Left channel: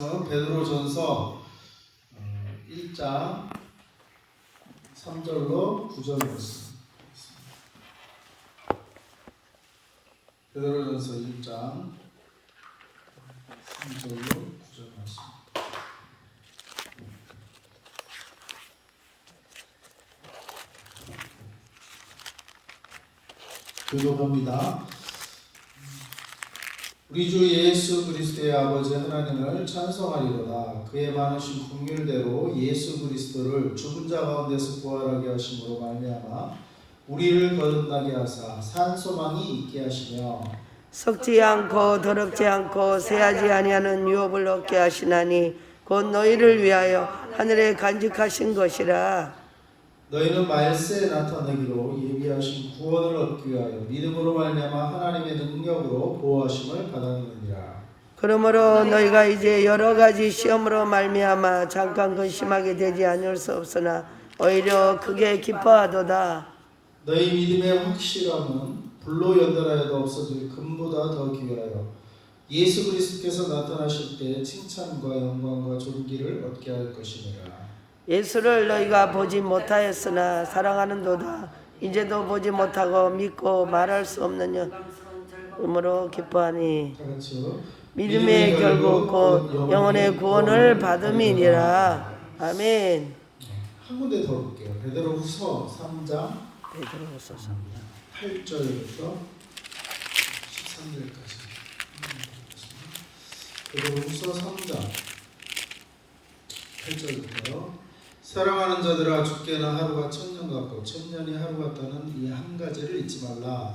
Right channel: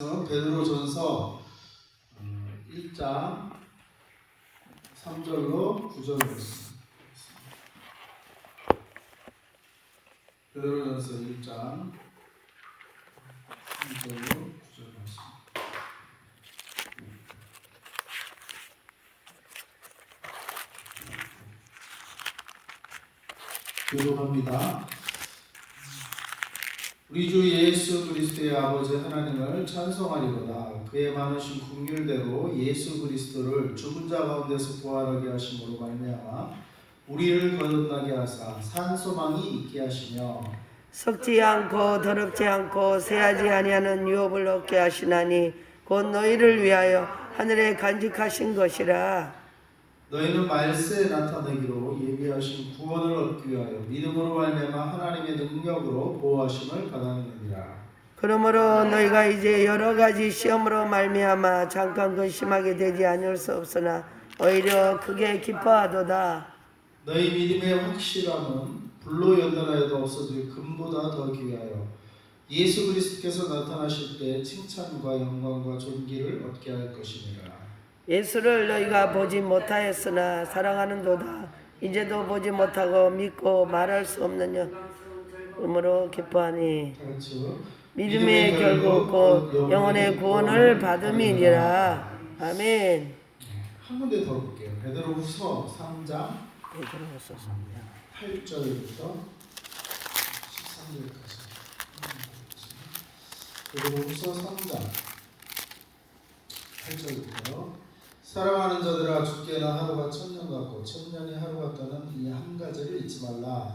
베드로전서 1장 3절로 9절 말씀. 베드로전서 1장 3절로 9절 말씀. 교독합니다. 우리 주 예수 그리스도의 아버지 하나님을 찬송하리로다. 그의 많으신 긍휼대로 예수 그리스도를 죽은 자 가운데서 부활하게 하심으로 말미암아 우리를 거듭나게 하사 산 소망이 있게 하시며 썩지 않고 더럽지 않고 새하지 아니하는 유업을 얻게 하시나니 곧 너희를 위하여 하늘에 간직하신 것이라. 너희는 말세에 나타내기로 예비하신 구원을 얻기 위하여 믿음으로 말미암아 하나님의 능력으로 보호하심을 받았느니라. 그러므로 너희가 이제 여러 가지 시험으로 말미암아 잠깐 근심하게 되지 않을 수 없으나 오히려 크게 기뻐하도다. 너희 믿음의 확실함은 불로 연단하여도 없어질 금보다 더 귀하여 예수 그리스도께서 나타나실 때 칭찬과 영광과 존귀를 얻게 할 것이니라. 예수를 너희가 보지 못하였으나 사랑하는도다. 이제도 보지 못하고 믿고 말할 수 없는 영으로 기뻐하니 믿음의 결국 곧 영혼의 구원을 받음이니라. 아멘. 한 군데 더 볼게요. 베드로후서 3장 베드로후서 3장 8절부터 13절까지. 베드로후서 3장 8절부터 사랑하는 자들아 주께나 하루가 천년 같고 천년이 하루 같다는 이 한 가지를 잊지 말라.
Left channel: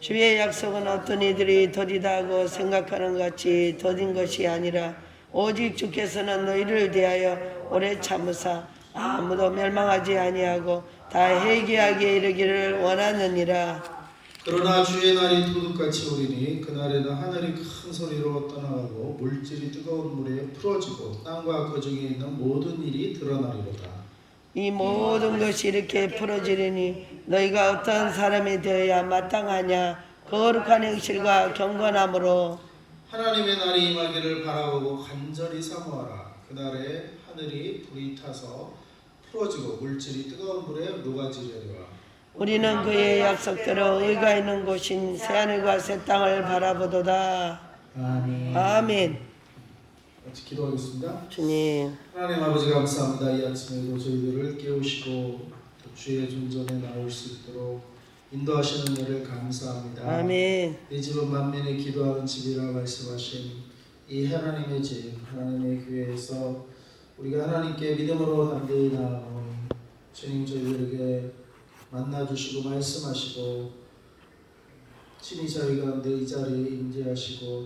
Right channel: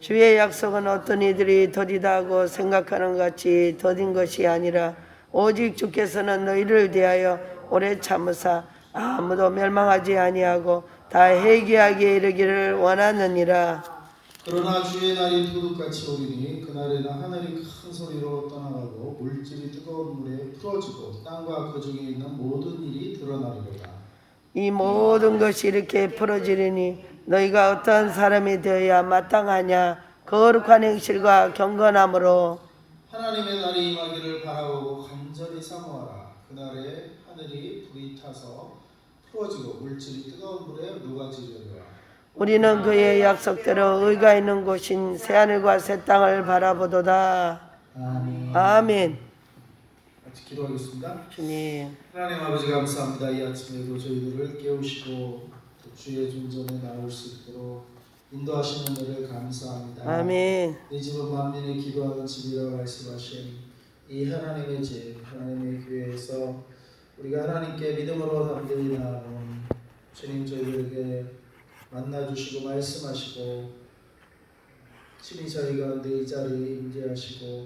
주의 약속은 어떤 이들이 더디다 하고 생각하는 같이 더딘 것이 아니라 오직 주께서는 너희를 대하여 오래 참으사 아무도 멸망하지 아니하고 다 회개하게 이르기를 원하느니라. 그러나 주의 날이 도둑같이 오리니 그날에는 하늘이 큰 소리로 떠나가고 물질이 뜨거운 물에 풀어지고 땅과 그 중에 있는 모든 일이 드러나리로다. 이 모든 것이 이렇게 풀어지리니 너희가 어떤 사람이 되어야 마땅하냐. 거룩한 행실과 경건함으로 하나님의 날이 임하기를 바라보고 간절히 사모하라. 그날에 하늘이 불이 타서 풀어지고 물질이 뜨거운 물에 녹아지려니와. 우리는 그의 약속대로 의가 있는 곳인 새하늘과 새 땅을 바라보도다. 아멘. 아멘. 같이 기도하겠습니다. 주님, 하나님 아버지 감사합니다. 이 아침에도 저희들을 깨우시고 또 주의 존전에 나올 수 있도록 인도하시는 은혜를 감사합니다. 아멘. 이 집은 만민이 기도하는 집이라 말씀하신 이 하나님의 집, 하나님의 교회에서 우리가 하나님께 믿음으로 담대히 나아온 주님 저희들에게 만나주시고 말씀하시고 친히 저희 가운데 이 자리에 임재하시고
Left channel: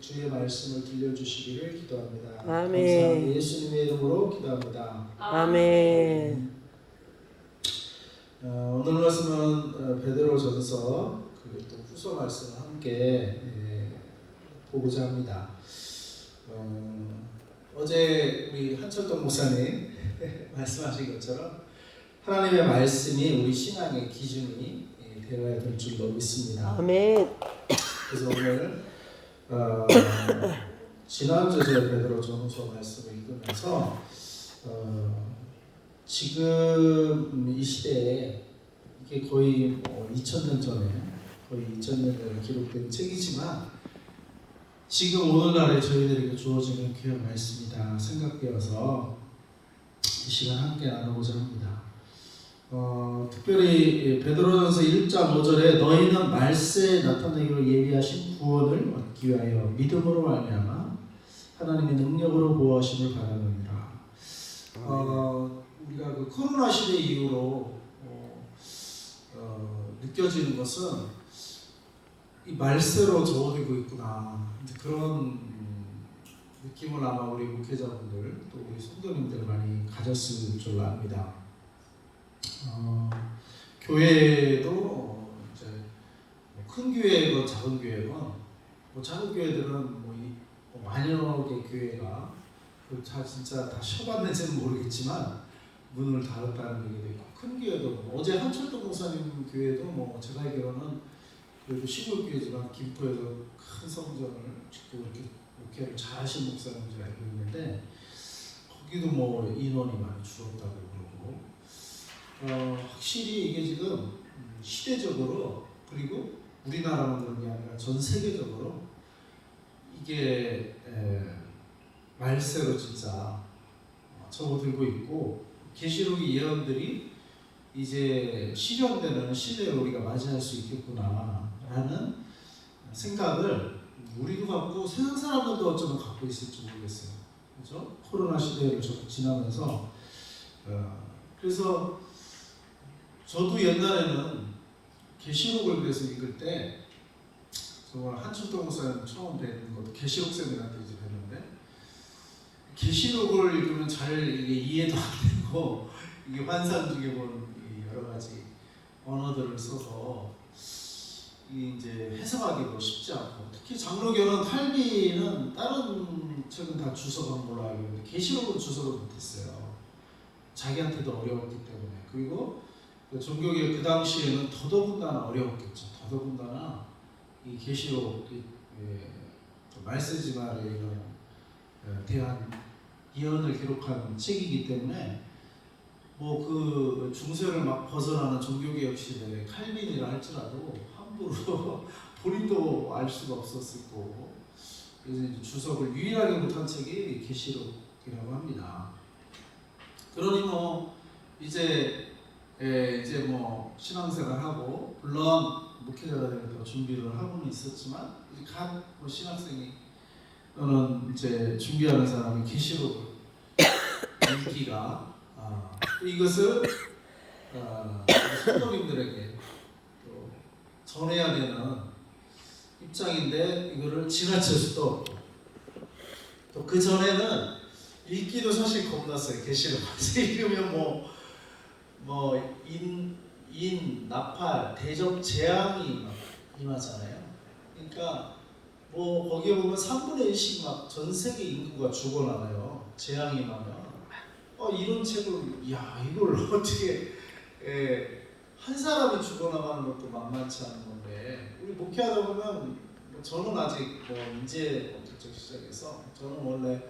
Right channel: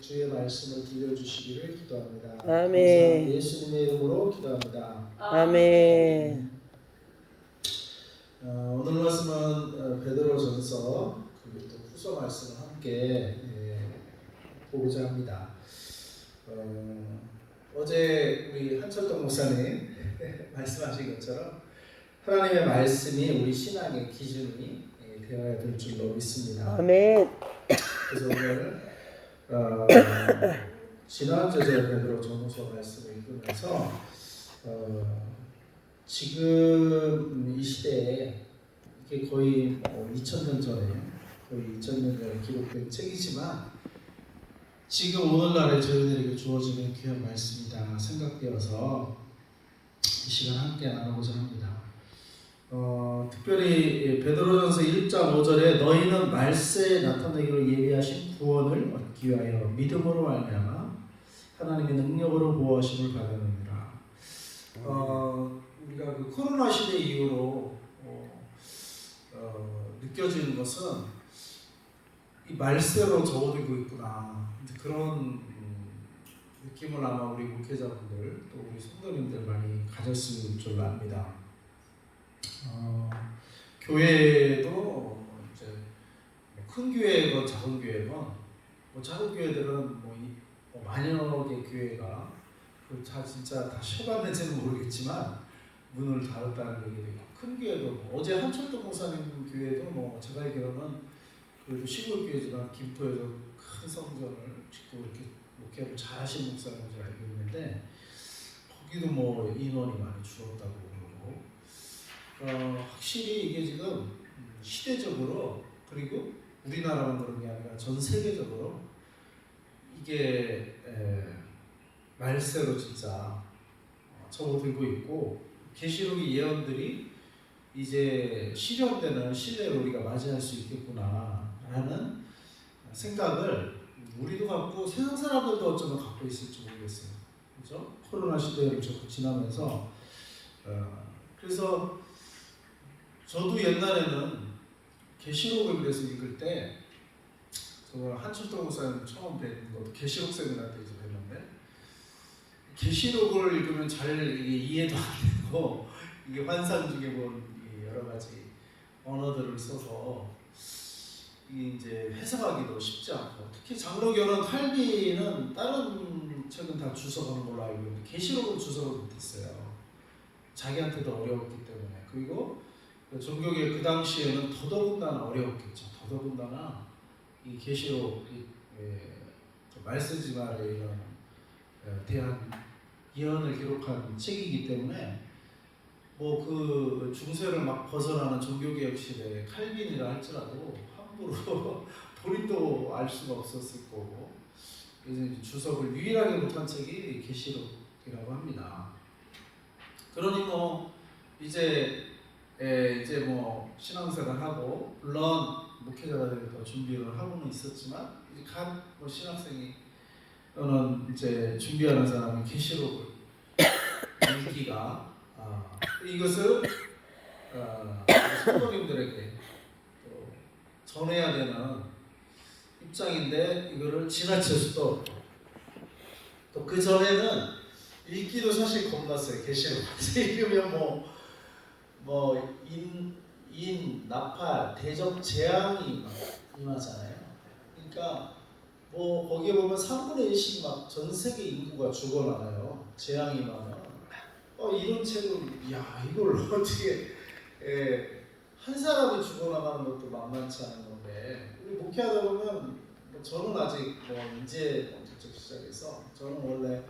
주의 말씀을 들려주시기를 기도합니다. 아멘. 예수님의 이름으로 기도합니다. 아멘. 오늘 말씀은 베드로전서 그리고 또 후서 말씀을 함께 보고자 합니다. 어제 우리 한철동 목사님 말씀하신 것처럼 하나님의 말씀이 우리 신앙의 기준이 되어야 될 줄로 믿습니다. 아멘. 그래서 오늘 지난주에 베드로전서 말씀을 읽으면서 지금 이 시대에 이게 거의 2000년 전에 거의 2000년 전에 기록된 책이지만 지금 오늘날에 저희들에게 주어지는 귀한 말씀이다 생각되어서 이 시간 함께 나누고자 합니다. 특별히 베드로전서 1장 5절에 너희는 말세에 나타내기로 예비하신 구원을 얻기 위하여 믿음으로 말미암아 하나님의 능력으로 보호하심을 받았느니라. 우리가 그 코로나 시대 이후로 느껴지는 것은 이 말세로 접어들고 있구나. 그런 느낌을 아마 우리 목회자분들 또 우리 성도님들 많이 가졌을 줄 압니다. 교회도 이제 큰 교회건 작은 교회건 작은 교회들은 만여 개 교회가 진짜 다 쉬어봤는지는 모르겠지만 문을 닫았다는 얘기도 있고 큰 교회도 어제 한철도 목사님 교회도 제가 알기로는 그래도 시골 교회지만 김포에서 큰 성전을 짓고 이렇게 목회를 잘하신 목사인 줄 알고 있는데 거기도 뭐 인원이 많이 줄었다고 그러고 확실히 이게 지금 시대적으로 그리고 우리나라만 그런 게 아니라 전 세계적으로 이게 말세로 진짜 접어들고 있고 계시록의 예언들이 이제 실현되는 시대를 우리가 맞이할 수 있겠구나라는 생각을 우리도 갖고 세상 사람들도 어쩌면 갖고 있을지 모르겠어요. 그렇죠? 코로나 시대를 지나면서 그래서 저도 옛날에는 계시록을 그래서 읽을 때 정말 한철동 목사님 처음 뵙는 것도 계시록 세미나 때 이제 뵀는데 계시록을 읽으면 잘 이게 이해도 안 되고 이게 환상 중에 본 여러 가지 언어들을 써서 이제 해석하기도 쉽지 않고 특히 장로교는 칼빈은 다른 책은 다 주석하는 걸로 알고 있는데 계시록은 주석을 못했어요. 자기한테도 어려웠기 때문에. 그리고 종교계 그 당시에는 더더군다나 어려웠겠죠. 더더군다나 이 계시록 말세지말에 이런 대한 예언을 기록한 책이기 때문에 뭐 그 중세를 막 벗어나는 종교개혁 시대의 칼빈이라 할지라도 함부로 본인도 알 수가 없었을 거고 그래서 이제 주석을 유일하게 못한 책이 계시록이라고 합니다. 그러니 뭐 이제 뭐 신앙생활하고 물론 목회자가 되니까 준비를 하고는 있었지만 이제 뭐 신학생이 또는 이제 준비하는 사람이 계시록을 읽기가 이것을 성도님들에게 또 전해야 되는 입장인데 이거를 지나칠 수도 없고 또 그 전에는 읽기도 사실 겁났어요. 계시록 읽으면 나팔, 대적 재앙이 막 임하잖아요. 그러니까 뭐 거기에 보면 3분의 1씩 막 전 세계 인구가 죽어나가요. 재앙이 임하면 이런 책을 이걸 어떻게 한 사람이 죽어나가는 것도 만만치 않은 건데 우리 목회하다 보면 저는 아직 이제 본격적 시작해서 저는 원래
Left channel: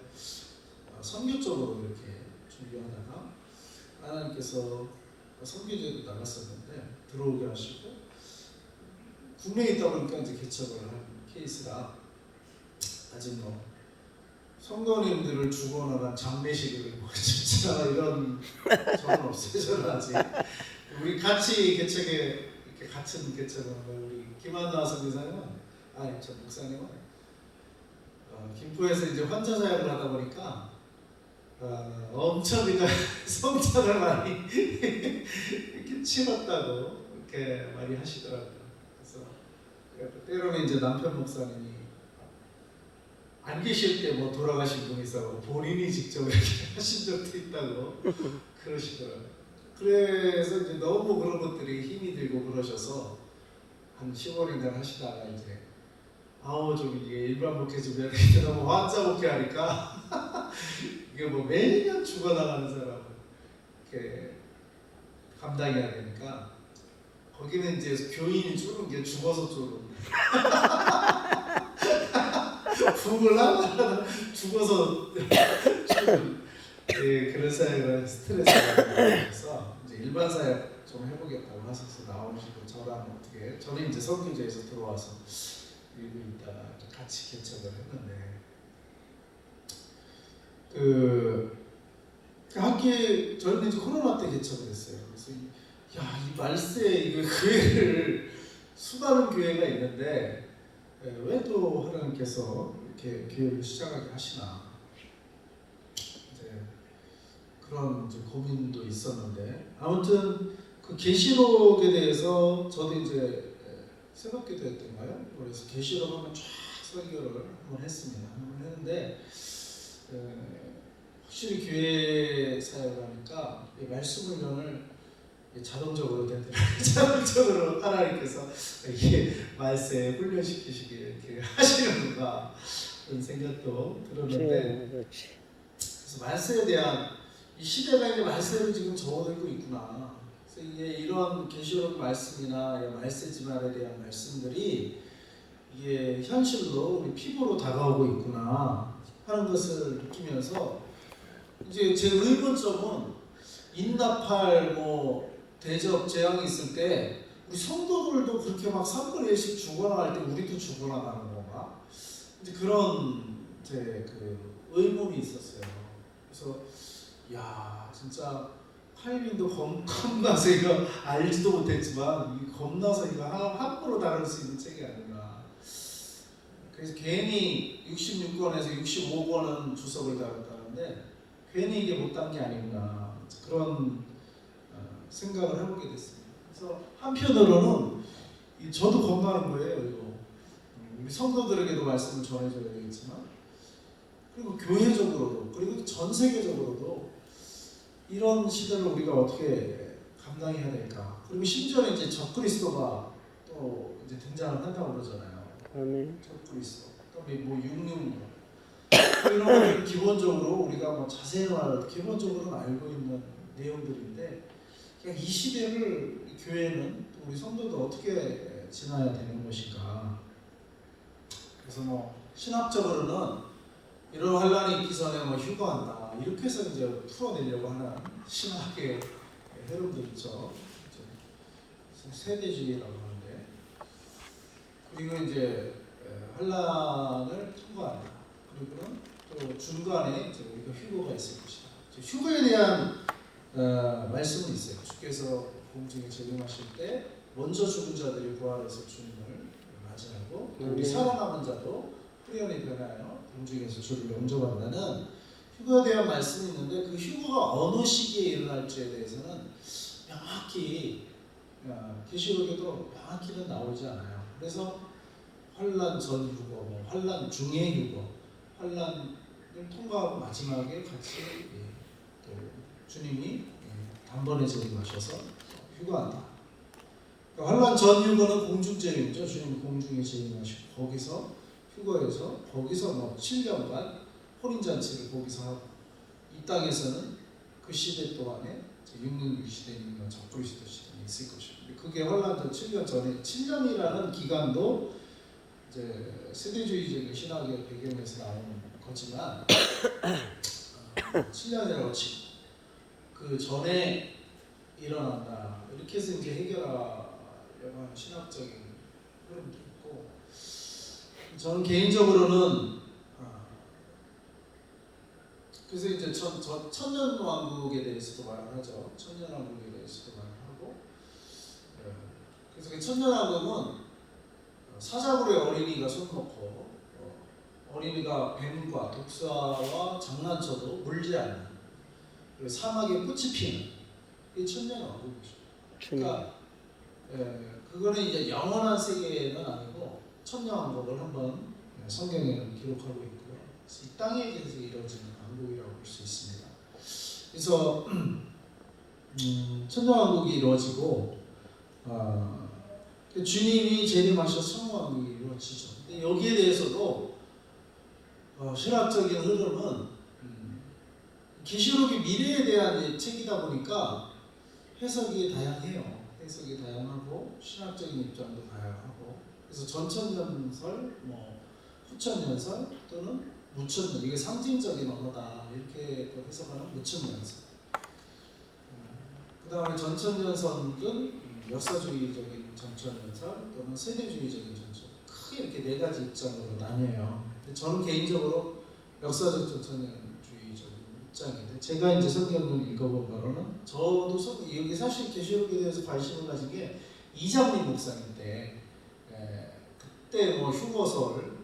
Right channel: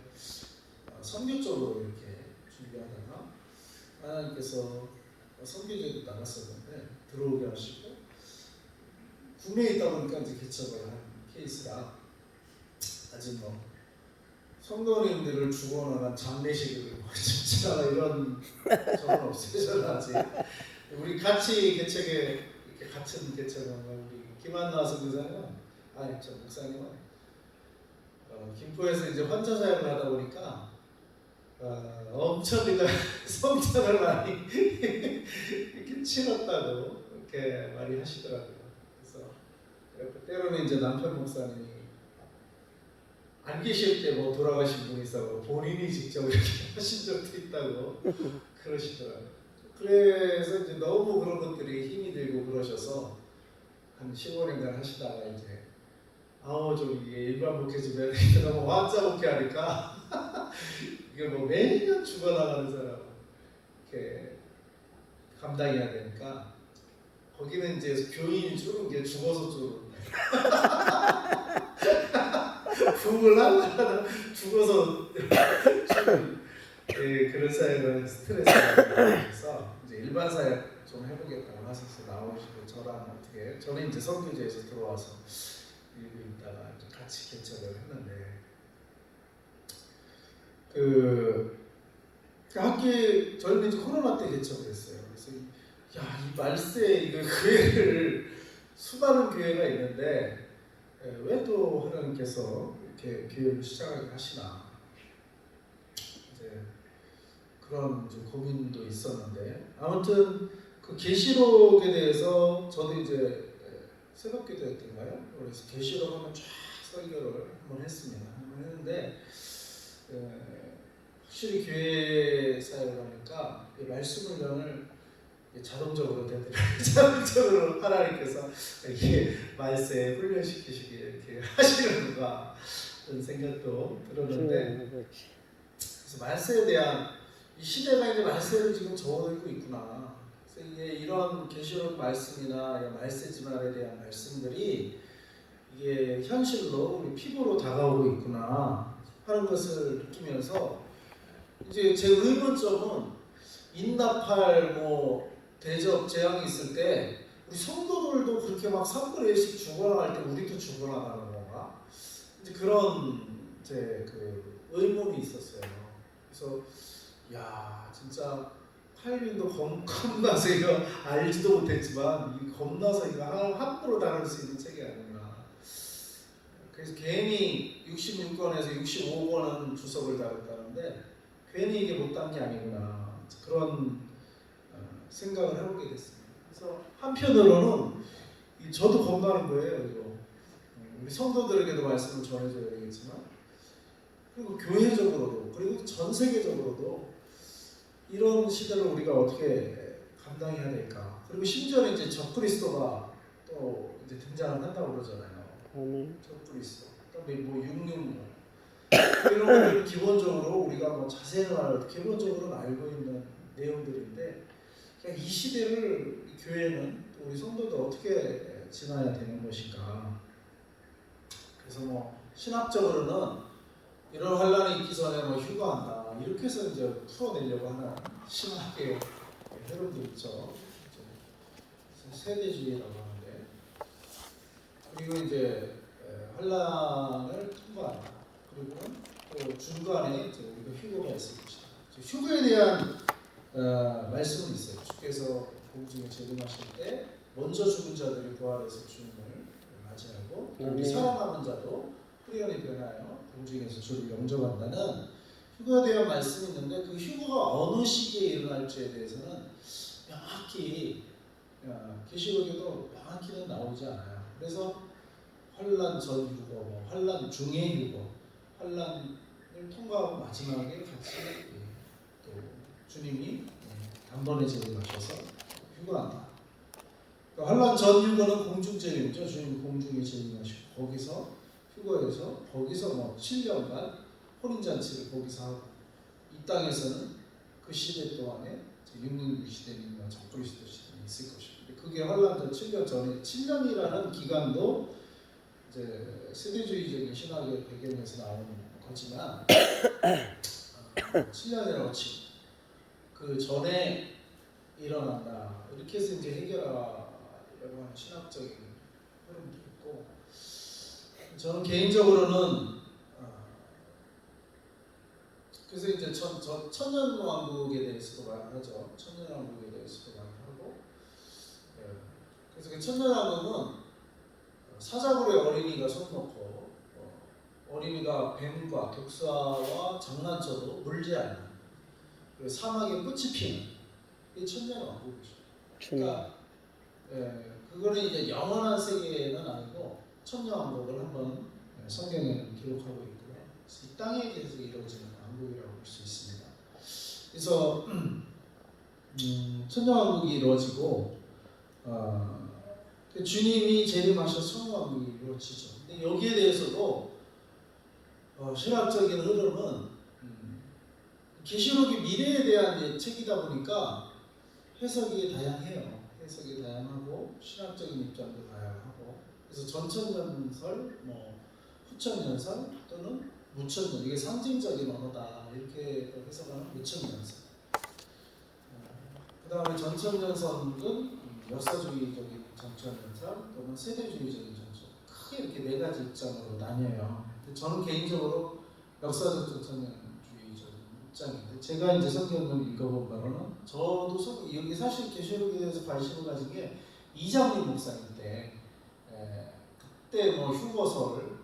선교 쪽으로 이렇게 준비하다가 하나님께서 선교제도 나갔었는데 들어오게 하시고 국내에 있다 보니까 이제 개척을 한 케이스라 아직 성도님들을 죽어나간 장례식을 진짜 이런 적은 없어요. 저는 아직 우리 같이 개척에 이렇게 같은 개척은 우리 김한나 선교사님은 저 목사님은 김포에서 이제 환자 사역을 하다 보니까 엄청 우리가 성찬을 많이 이렇게 치렀다고 이렇게 많이 하시더라고요. 그래서 때로는 이제 남편 목사님이 안 계실 때 돌아가신 분이 있어 본인이 직접 이렇게 하신 적도 있다고 그러시더라고요. 그래서 이제 너무 그런 것들이 힘이 들고 그러셔서 한 15년간 하시다가 이제 좀 이게 일반 목회 좀 해야 되겠다 너무 환자 목회 하니까 이게 매년 죽어나가는 사람 이렇게 감당해야 되니까 거기는 이제 교인이 줄은 게 죽어서 줄은 부흥을 하려다 죽어서 그런 사역을 스트레스에서 이제 일반 사역 좀 해보겠다고 하셔서 나오시고 저랑 어떻게 저는 이제 선교제에서 들어와서 일부 있다가 같이 개척을 했는데 학기 저희는 이제 코로나 때 개척을 했어요. 그래서 이 말세 이거 교회를 수많은 교회가 있는데 왜 또 하나님께서 이렇게 교회를 시작하게 하시나 이제 그런 이제 고민도 있었는데 아무튼 그 계시록에 대해서 저도 이제 새벽기도했던가요? 그래서 계시록 한번 쫙 설교를 한번 했습니다. 한번 했는데 확실히 교회 사역하니까 말씀 훈련을 자동적으로 되더라고요. 자동적으로 하나님께서 이렇게 말세 훈련시키시게 이렇게 하시는구나 그런 생각도 들었는데 그래서 말세에 대한 이 시대가 이제 말세를 지금 접어들고 있구나. 그래서 이제 이런 계시록 말씀이나 말세지말에 대한 말씀들이 이게 현실로 우리 피부로 다가오고 있구나 하는 것을 느끼면서 이제 제 의문점은 인나팔 뭐 대적 재앙이 있을 때 우리 성도들도 그렇게 막 3분의 1씩 죽어나갈 때 우리도 죽어나가는 건가? 이제 그런 제 그 의문이 있었어요. 그래서 야 진짜 칼빈도 겁나서 이거 알지도 못했지만 이 겁나서 이거 함부로 다룰 수 있는 책이 아닌가. 그래서 괜히 66권에서 65권은 주석을 다뤘다는데 괜히 이게 못한 게 아니구나 그런 생각을 해보게 됐습니다. 그래서 한편으로는 저도 겁나는 거예요. 이거 우리 성도들에게도 말씀을 전해줘야 되겠지만 그리고 교회적으로도 그리고 전 세계적으로도 이런 시대를 우리가 어떻게 감당해야 될까? 그리고 심지어는 이제 적그리스도가 또 이제 등장을 한다고 그러잖아요. 아멘. 적그리스도, 그다음에 뭐 육륜 이런 거는 기본적으로 우리가 뭐 자세히 말해도 기본적으로는 알고 있는 내용들인데 그냥 이 시대를 교회는 또 우리 성도도 어떻게 지나야 되는 것인가? 그래서 뭐 신학적으로는 이런 환란이 있기 전에 뭐 휴거한다 이렇게 해서 이제 풀어내려고 하는 신학의 흐름들 있죠. 세대주의라고 하는데 그리고 이제 환란을 통과한다. 그리고는 또 중간에 우리가 휴거가 있을 것이다. 휴거에 대한 말씀은 있어요. 주께서 공중에 재림하실 때 먼저 죽은 자들이 부활해서 주님을 맞이하고 살아남은 자도 후련히 변하여 공중에서 주를 영접한다는 휴거에 대한 말씀이 있는데 그 휴거가 어느 시기에 일어날지에 대해서는 명확히 계시록에도 명확히는 나오지 않아요. 그래서 환란 전 휴거, 뭐 환란 중에 휴거, 환란을 통과하고 마지막에 같이 또 주님이 단번에 재림하셔서 휴거한다. 그러니까 환란 전 휴거는 공중재림이죠. 주님 공중에 재림하시고 거기서 휴거에서 거기서 뭐 7년간 혼인잔치를 거기서 하고 이 땅에서는 그 시대 동안에 육륜 시대는 적그리스도 시대는 있을 것입니다. 그게 환란 전 7년 전에 7년이라는 기간도 이제 세대주의적인 신학의 배경에서 나오는 거지만 7년이라고 치고 그 전에 일어난다 이렇게 해서 이제 해결하려고 하는 신학적인 흐름도 있고 저는 개인적으로는 그래서 이제 천년왕국에 대해서도 말을 하죠. 천년왕국에 대해서도 말을 하고 그래서 그 천년왕국은 사자굴에 어린이가 손 놓고 어린이가 뱀과 독사와 장난쳐도 물지 않는 사막에 꽃이 피는 이 천년왕국이죠. 그러니까 그거는 이제 영원한 세계는 아니고 천년왕국을 한번 성경에는 기록하고 있고요. 이 땅에 대해서 이루어지는 왕국이라고 볼 수 있습니다. 그래서 천년왕국이 이루어지고 주님이 재림하셔서 천년왕국이 이루어지죠. 근데 여기에 대해서도 신학적인 흐름은 계시록이 미래에 대한 책이다 보니까 해석이 다양해요. 해석이 다양하고 신학적인 입장도 다양하고 그래서 전천년설, 뭐 후천년설 또는 무천년 이게 상징적인 언어다 이렇게 또 해석하는 무천년설. 그 다음에 전천년설은 역사주의적인 전천년설 또는 세대주의적인 전천 크게 이렇게 네 가지 입장으로 나뉘어요. 저는 개인적으로 역사적 전천년주의적인 입장인데 제가 이제 성경을 읽어본 바로는 저도 여기 사실 계시록에 대해서 관심을 가진 게 이장림 목사인데 그때 뭐 휴거설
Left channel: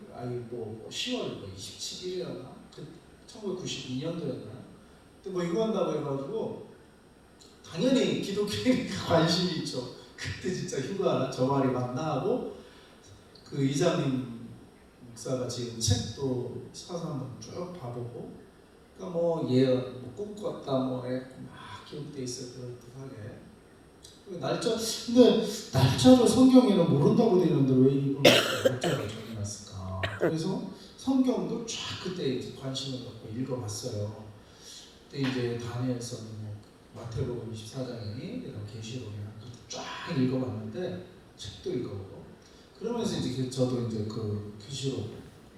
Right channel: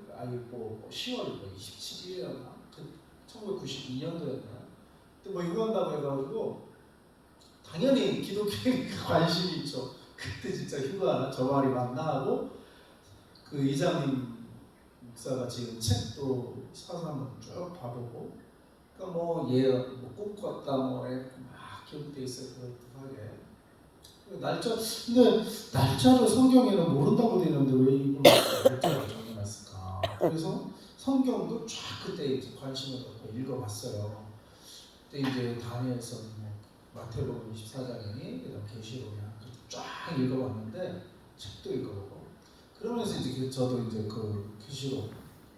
뭐 10월 뭐 27일이었나 그 1992년도였나 그때 뭐 휴거한다고 해가지고 당연히 기독교에 관심이 있죠. 그때 진짜 휴가 저 말이 맞나 하고 그 이장님 목사가 지금 책도 사서 한번 쭉 봐보고 그러니까 뭐 예언, 뭐 꿈꿨다 뭐 막 기록돼 있어요. 그럴듯하게 날짜 근데 날짜를 성경에는 모른다고 되어 있는데 왜 이걸 날짜를 정해놨을까? 그래서 성경도 쫙 그때 이제 관심을 갖고 읽어봤어요. 그때 이제 다니엘서는 뭐 마태복음 24장이니 그다음 계시록이나 쫙 읽어봤는데 책도 읽어보고 그러면서 이제 저도 이제 그 교시로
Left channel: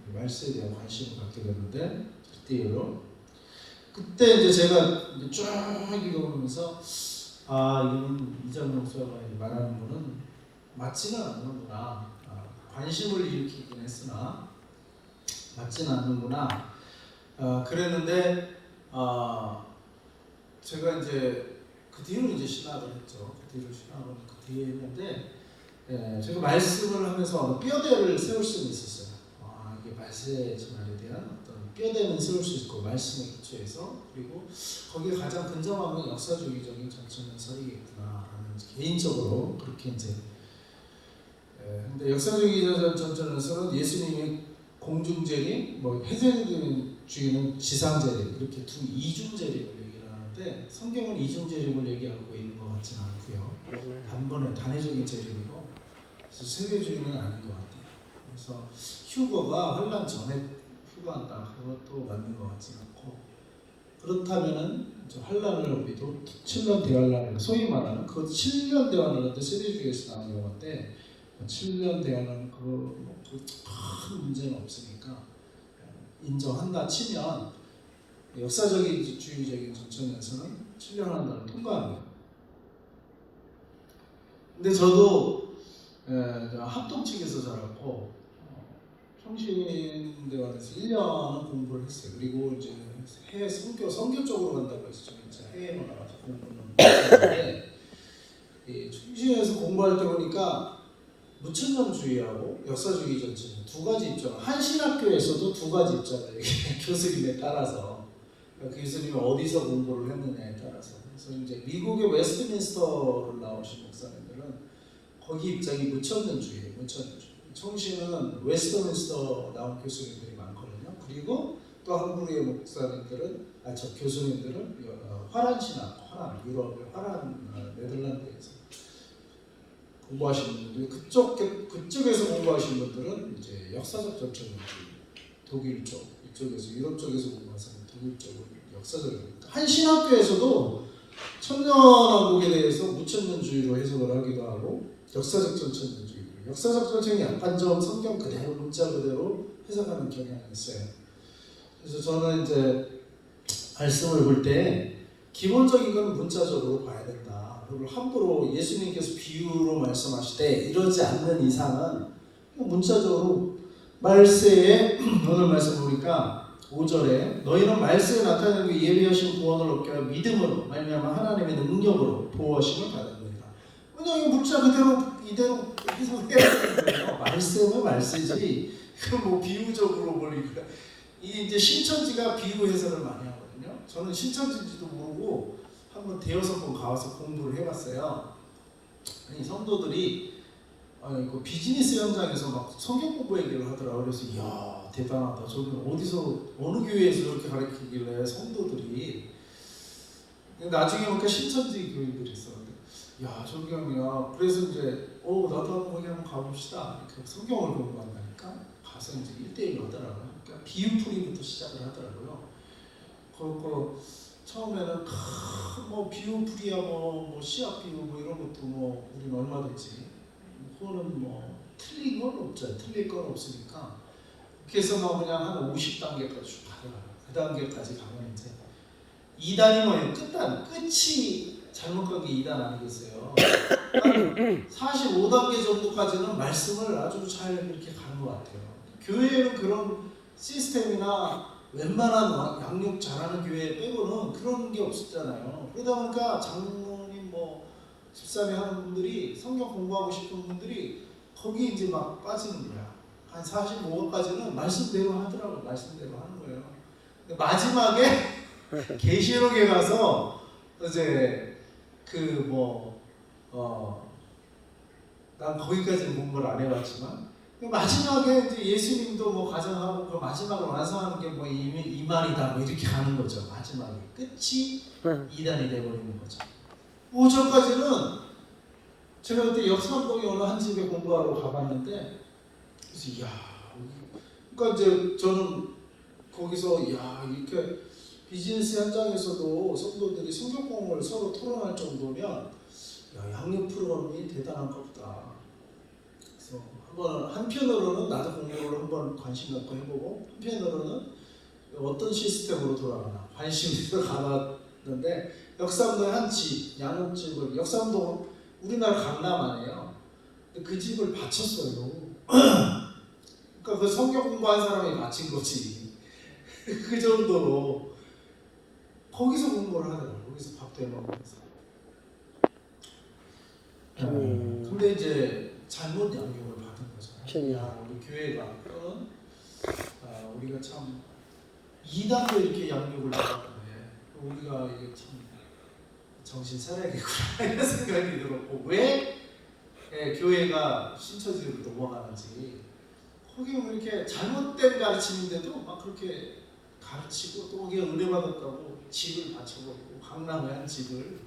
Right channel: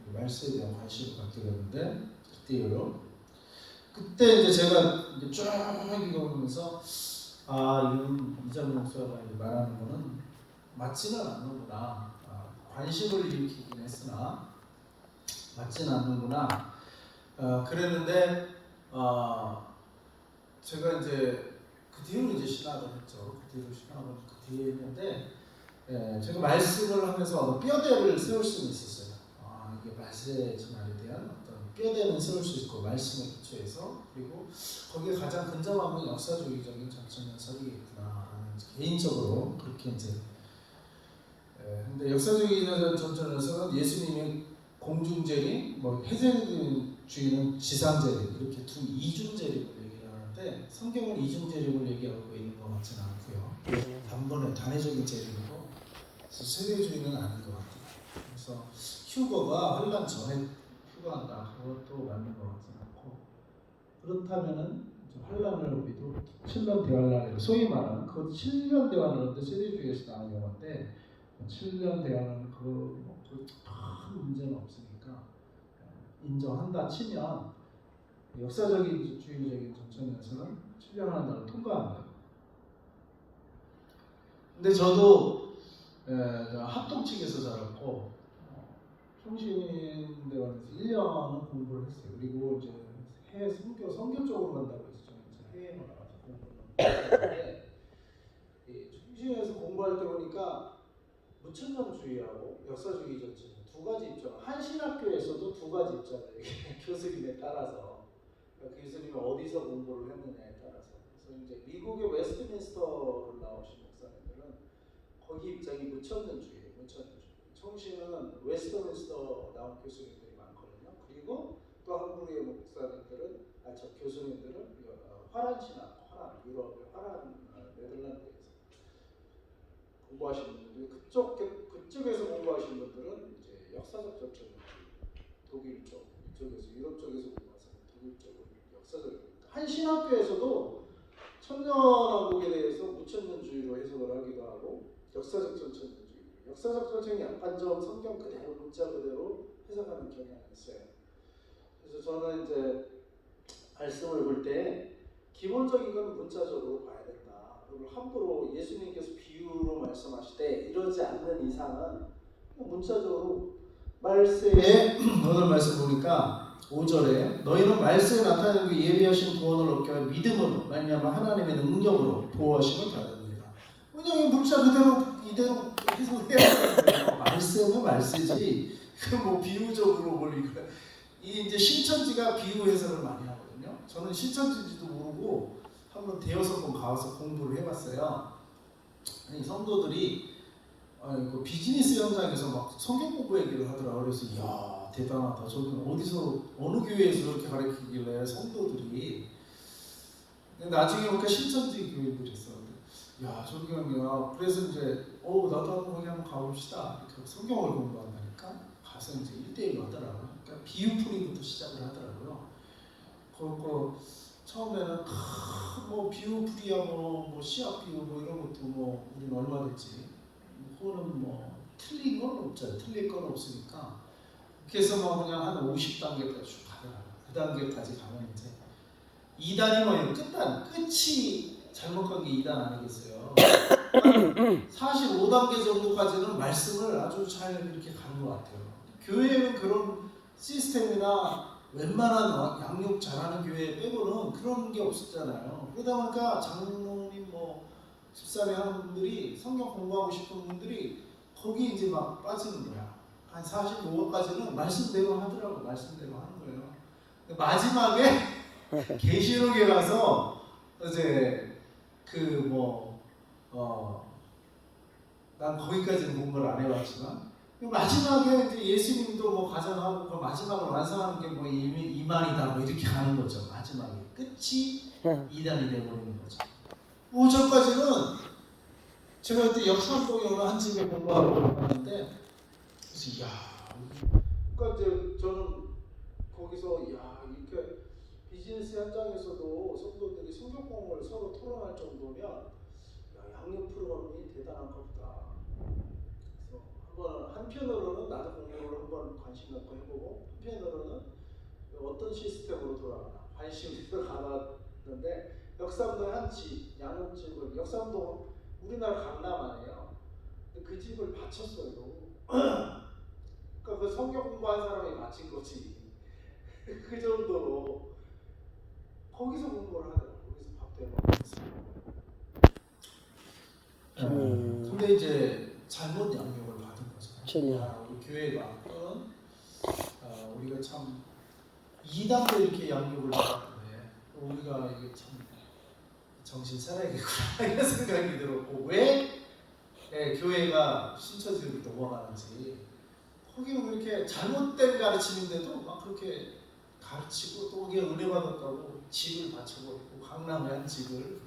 말씀에 대한 관심을 갖게 되는데 그때로 그때 이제 제가 이제 쭉 읽어보면서 이건 이장 목사가 말하는 거는 맞지는 않는구나. 관심을 일으키긴 했으나 맞지는 않는구나. 그랬는데 제가 이제 그 뒤로 이제 신학을 했죠. 그 뒤로 신학을 그 뒤에 했는데 제가 말씀을 하면서 뼈대를 세울 수는 있었어요. 이게 말세지 말에 대한 어떤 뼈대는 세울 수 있고 말씀에 기초해서 그리고 거기에 가장 근접하면 역사주의적인 전천연설이겠구나라는 개인적으로 그렇게 이제 근데 역사주의적 전천연설은 예수님의 공중재림, 뭐 해세주의는 지상재림 이렇게 두 이중재림을 얘기를 하는데 성경은 이중재림을 얘기하고 있는 것 같지는 않고요. 단번에 단회적인 재림이고 그래서 세계주의는 아닌 것 같아요. 그래서 휴거가 환란 전에 휴거한다 그것도 맞는 것 같지는 않고 그렇다면은 환란을 우리도 7년 대환란을 소위 말하는 그 7년 대환란도 세계주의에서 나온 용어인데 7년 대환란은 큰 문제는 없으니까 인정한다 치면 역사적인 주의적인 전천연설은 7년 환란을 통과합니다. 근데 저도 합동 측에서 자랐고 평신대원에서 1년은 공부를 했어요. 그리고 이제 해외 선교 쪽으로 간다고 해서 저는 이제 해외로 나가서 공부를 했는데 평신에서 공부할 때 보니까 무천년주의하고 역사주의 전체 두 가지 입장. 한 신학교에서도 두 가지 입장을 교수님에 따라서 교수님이 어디서 공부를 했느냐에 따라서. 그래서 이제 미국의 웨스트민스터를 나오신 목사님들은 거기 입장이 무천년주의예요. 무천년주의. 청신은 웨스트민스터 나온 교수님들이 많거든요. 그리고 또 한국의 목사님들은 교수님들은 화란 신학, 유럽의 화란 네덜란드에서 공부하시는 분들이 그쪽에서 공부하시는 분들은 이제 역사적 전천주의, 독일 쪽 이쪽에서 유럽 쪽에서 공부하는 독일 쪽은 역사적인 한 신학교에서도 천년왕국에 대해서 무천년주의로 해석을 하기도 하고 역사적 전천주의. 역사적 전쟁이 약간 좀 성경 그대로 문자 그대로 해석하는 경향이 있어요. 그래서 저는 이제 말씀을 볼 때 기본적인 건 문자적으로 봐야 된다. 그리고 함부로 예수님께서 비유로 말씀하실 때 이러지 않는 이상은 문자적으로 말세에 오늘 말씀 보니까 5절에 너희는 말세에 나타나는 그 예비하신 구원을 얻게 할 믿음으로 말미암아 하나님의 능력으로 보호하심을 받았습니다. 그냥 이 문자 그대로 이대로 해석해야 되는 거예요. 말씀은 말씀이지. 뭐 비유적으로 뭘 이 이제 신천지가 비유 해석을 많이 하거든요. 저는 신천지인지도 모르고 한번 대여섯 번 가서 공부를 해봤어요. 아니, 성도들이 그 비즈니스 현장에서 막 성경 공부 얘기를 하더라고요. 그래서 이야 대단하다. 저기 어디서 어느 교회에서 그렇게 가르치길래 성도들이. 나중에 보니까 신천지 교회들이 있었는데 야 저기야. 그래서 이제 나도 거기 한번 가봅시다. 이렇게 성경을 공부한다니까 가서 이제 1대1로 하더라고요. 그러니까 비유풀이부터 시작을 하더라고요. 그거 처음에는 뭐 비유풀이야 뭐 씨앗 비유 뭐 이런 것도 뭐 우리는 얼마든지 그거는 뭐 틀린 건 없죠. 틀릴 건 없으니까 그래서 막 그냥 한 50단계까지 쭉 가더라고요. 그 단계까지 가면 이제 2단이 뭐예요? 끝이 잘못 간 게 2단 아니겠어요? 45단계 정도까지는 말씀을 아주 잘 이렇게 가는 것 같아요. 교회는 그런 시스템이나 웬만한 양육 잘하는 교회 빼고는 그런 게 없었잖아요. 그러다 보니까 장로님 뭐 집사님 하는 분들이 성경 공부하고 싶은 분들이 거기 이제 막 빠지는 거야. 한 45까지는 말씀대로 하더라고. 말씀대로 하는 거예요. 근데 마지막에 계시록에 가서 이제 난 거기까지는 공부를 안 해봤지만 마지막에 이제 예수님도 뭐 가정하고 그 마지막을 완성하는 게 뭐 이만이다 뭐 이렇게 가는 거죠. 마지막에 끝이 2단이 돼버리는 거죠. 5절까지는 제가 그때 역삼동에 어느 한 집에 공부하러 가봤는데 그래서 이야 그러니까 이제 저는 거기서 이야 이렇게 비즈니스 현장에서도 성도들이 성경 공부를 서로 토론할 정도면 야, 양육 프로그램이 대단한가 보다. 그래서 한번 한편으로는 나도 공부를 한번 관심 갖고 해보고 한편으로는 어떤 시스템으로 돌아가나 관심이 가봤는데 역삼도의 한 집, 양옥집을 역삼도 우리나라 강남 아니에요. 근데 그 집을 바쳤어요. 그러니까 그 성경 공부한 사람이 바친 거지. 그 정도로 거기서 공부를 하더라고요. 거기서 밥도 해먹으면서. 근데 이제 잘못 양육을 받은 거잖아요. 우리 교회가 또는 우리가 참 이단도 이렇게 양육을 받았는데 우리가 이게 참 정신 차려야겠구나 이런 생각이 들었고 왜 교회가 신처지로 넘어가는지 거기는 그렇게 잘못된 가르치는데도 막 그렇게 가르치고 또 거기에 은혜 받았다고 집을 바쳐놓고 강남에 한 집을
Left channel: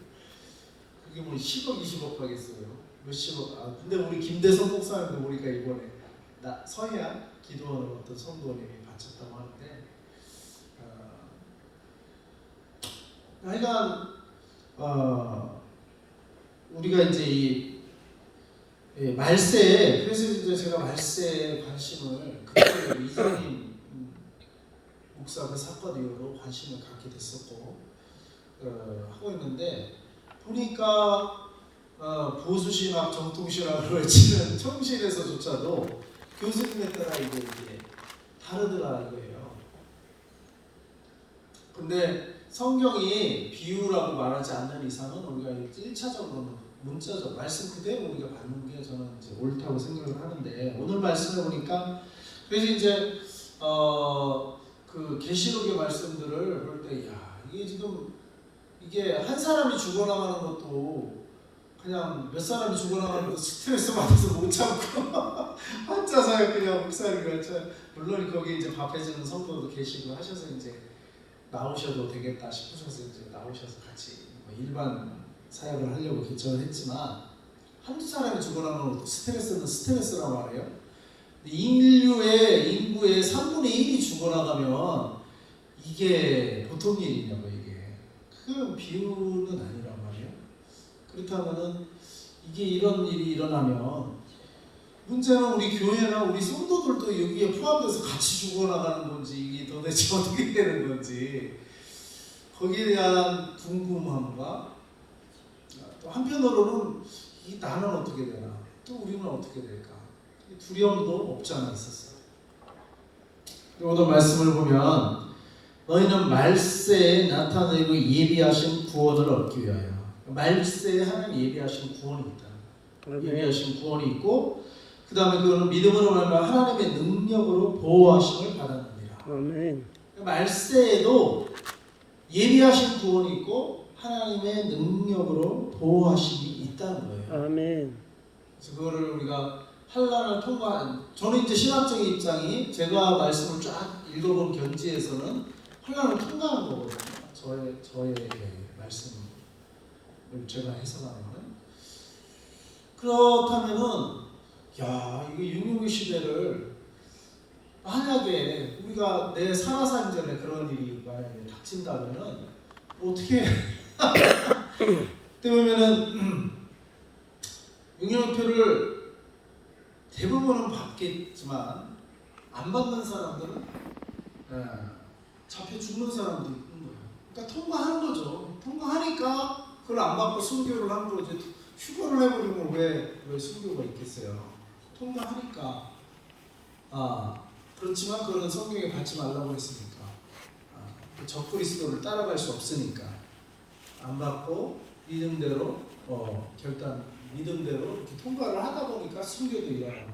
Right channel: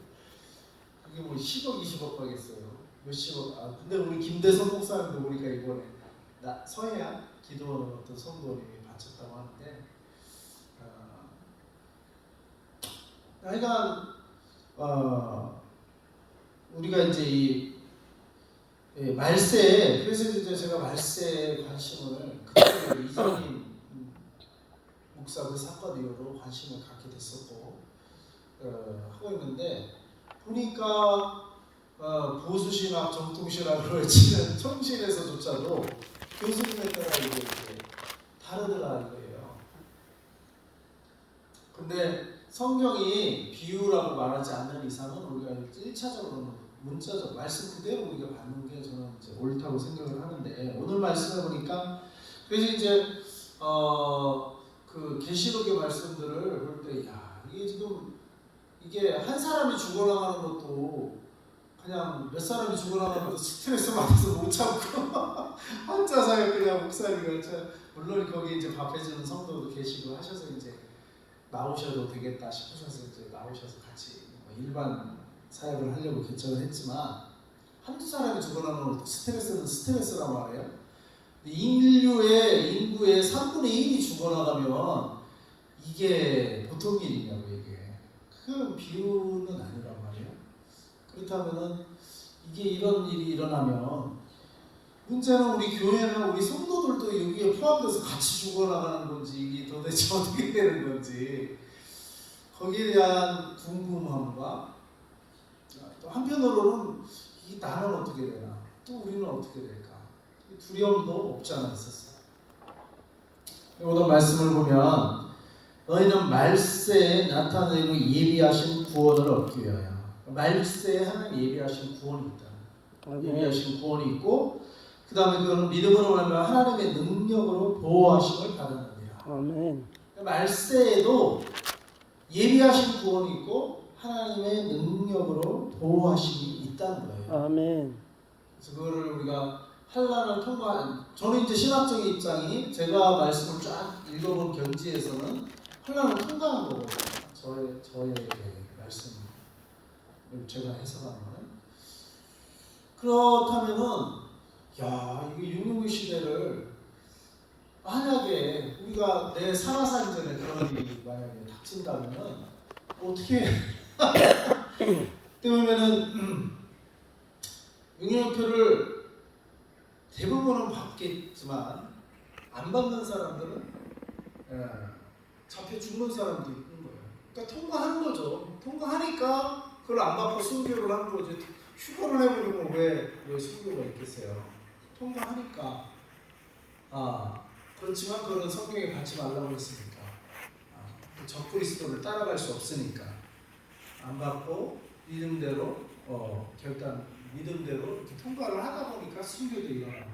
그게 뭐 10억 20억 하겠어요. 몇십억. 근데 우리 김대성 목사님도 우리가 이번에 서해안 기도원을 어떤 성도님이 바쳤다고 하는데 하여간 우리가 이제 이 말세에 그래서 이제 제가 말세에 관심을 그때 이준님 목사 그 사건 이후로 관심을 갖게 됐었고 하고 있는데 보니까 보수신학 정통신학으로 외치는 청실에서조차도 교수님에 따라 이게 다르더라 이거예요. 근데 성경이 비유라고 말하지 않는 이상은 우리가 1차적으로는 문자적 말씀 그대로 우리가 받는 게 저는 이제 옳다고 생각을 하는데 오늘 말씀을 보니까 그래서 이제 그 계시록의 말씀들을 볼 때 야 이게 지금 이게 한 사람이 죽어나가는 것도 그냥 몇 사람이 죽어나가는 것도 스트레스 받아서 못 참고 혼자서 그냥 목사님이 물론 거기 이제 밥해주는 성도도 계시고 하셔서 이제 나오셔도 되겠다 싶으셔서 이제 나오셔서 같이 뭐 일반 사역을 하려고 결정을 했지만 한두 사람이 죽어나가는 것도 스트레스는 스트레스란 말이에요. 인구의 3분의 1이 죽어나가면 이게 보통 일이냐고 이게 큰 비유는 아니란 말이에요. 그렇다면은 이게 이런 일이 일어나면 문제는 우리 교회나 우리 성도들도 여기에 포함돼서 같이 죽어나가는 건지 이게 도대체 어떻게 되는 건지 거기에 대한 궁금함과 또 한편으로는 이 나는 어떻게 되나 또 우리는 어떻게 될까 두려움도 없지 않아 있었어요. 오늘 말씀을 보면 너희는 말세에 나타내고 예비하신 구원을 얻기 위하여 말세에 하는 예비하신 구원이 있다. 예비하신 구원이 있고 그 다음에 그거는 믿음으로 말하면 하나님의 능력으로 보호하심을 받았느니라. 아멘. 말세에도 예비하신 구원이 있고 하나님의 능력으로 보호하심이 있다는 거예요. 아멘. 그래서 그거를 우리가 환난을 통과하는 저는 이제 신학적인 입장이 제가 말씀을 쫙 읽어본 견지에서는 환난을 통과하는 거거든요. 저의 말씀을 제가 해석하는 거는 그렇다면은 야 이게 육류의 시대를 만약에 우리가 내 살아사는 전에 그런 일이 만약에 닥친다면은 어떻게 그러면은 육류표를 대부분은 받겠지만 안 받는 사람들은 잡혀 죽는 사람도 있는 거예요. 그러니까 통과하는 거죠. 통과하니까 그걸 안 받고 순교를 하는 거지. 휴가를 해버리면 왜 순교가 있겠어요. 통과하니까 그렇지만 그거는 성경에 받지 말라고 했으니까 적그리스도를 따라갈 수 없으니까 안 받고 믿음대로 믿음대로 이렇게 통과를 하다 보니까 순교도 일어나고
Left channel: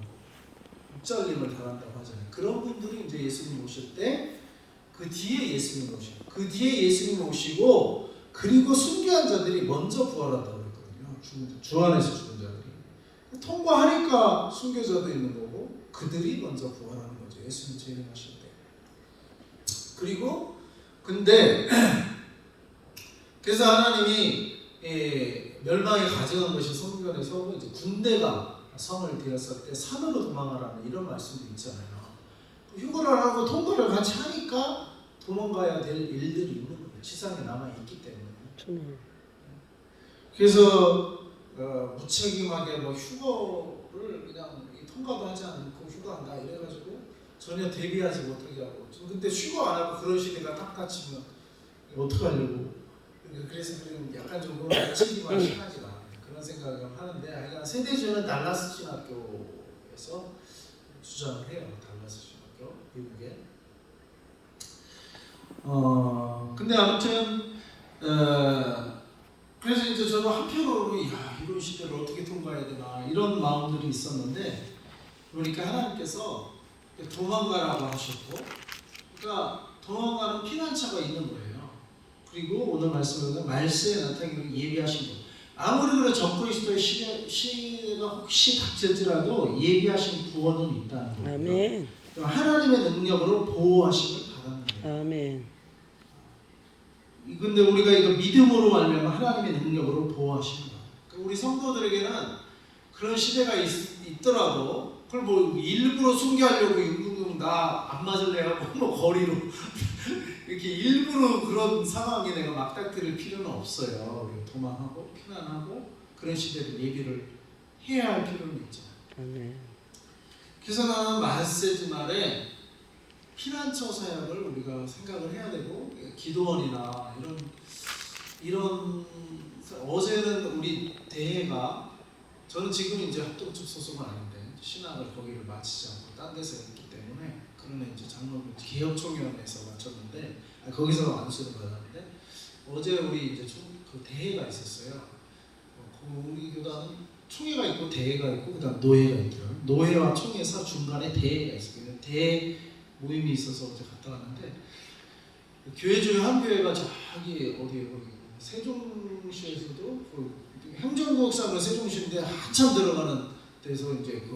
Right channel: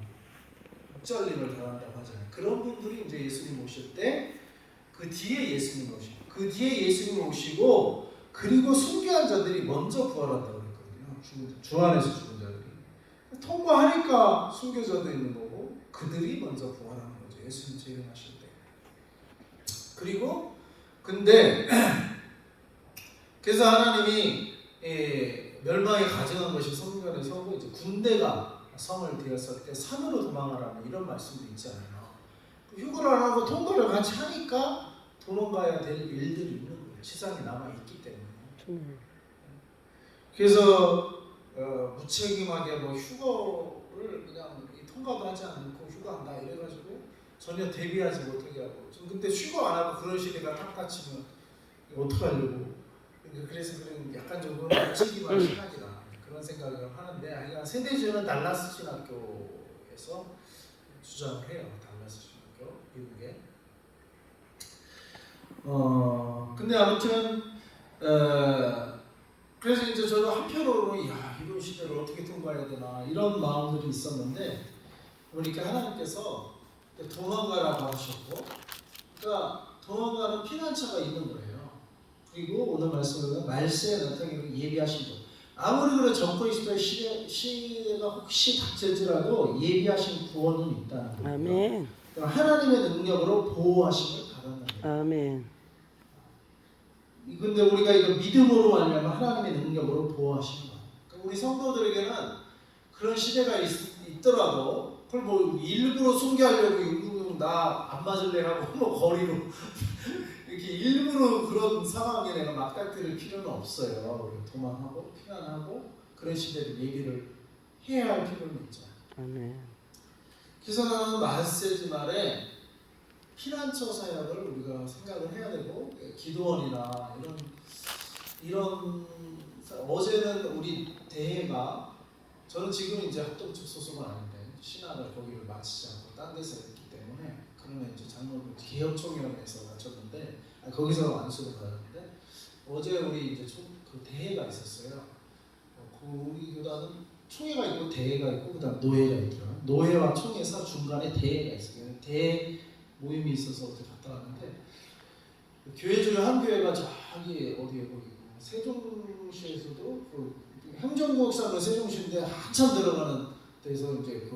육잘림을 당한다고 하잖아요. 그런 분들이 이제 예수님 오실 때 그 뒤에 예수님 오시고 그 뒤에 예수님 오시고 그리고 순교한 자들이 먼저 부활한다고 했거든요. 주 안에서 죽은 자들이 통과하니까 순교자도 있는 거고 그들이 먼저 부활하는 거죠. 예수님 재림하실 때. 그리고 근데 그래서 하나님이 멸망에 가져간 것이 성경에서 이제 군대가 성을 들였을 때 산으로 도망가라는 이런 말씀도 있잖아요. 휴가를 하고 통과를 같이 하니까 도망가야 될 일들이 있는 거예요. 지상에 남아 있기 때문에. 그래서 무책임하게 휴거를 그냥 한가도 하지 않고 휴가한다 이래가지고 전혀 대비하지 못하게 하고 좀 근데 휴가 안 하고 그런 시대가 탁 닥치면 어떡하려고 그래서 그냥 약간 좀 그런 치기가 심하지가 그런 생각을 하는데 하여간 세대주는 달라스 신학교에서 주장을 해요. 달라스 신학교 미국에 근데 아무튼 그래서 이제 저는 한편으로는 야 이런 시대를 어떻게 통과해야 되나 이런 마음들이 있었는데 그러니까 하나님께서 도망가라고 하셨고 그러니까 도망가는 피난처가 있는 거예요. 그리고 오늘 말씀은 말세에 나타나기를 예비하신 것. 아무리 그런 전그리스도의 시대가 혹시 닥칠지라도 예비하신 구원은 있다는 거예요. 아멘. 하나님의 능력으로 보호하심을 받았는 거예요. 아멘. 근데 우리가 이거 믿음으로 말미암아 하나님의 능력으로 보호하시는 거예요. 그러니까 우리 성도들에게는 그런 시대가 있더라도 그걸 뭐 일부러 숨겨하려고 나 안 맞을래 하고 뭐 거리로 이렇게 일부러 그런 상황에 내가 막닥뜨릴 필요는 없어요. 우리가 도망하고 피난하고 그런 시대를 예비를 해야 할 필요는 있죠. 아멘. 그래서 나는 말세지 말에 피난처 사역을 우리가 생각을 해야 되고 기도원이나 이런 어제는 우리 대회가 저는 지금 이제 합동측 소속은 아닌데 신학을 거기를 마치지 않고 딴 데서 했기 때문에 그러면 이제 장로교 개혁총회원에서 마쳤는데 거기서 안수를 받았는데 어제 우리 이제 그 대회가 있었어요. 우리 교단은 총회가 있고 대회가 있고 그다음 노회가 있더라고요. 노회와 총회사 중간에 대회가 있어요. 대회 모임이 있어서 어제 갔다 왔는데 교회 중에 한 교회가 저기 어디에 거기 세종시에서도 행정구역상으로 세종시인데 한참 들어가는 데서 이제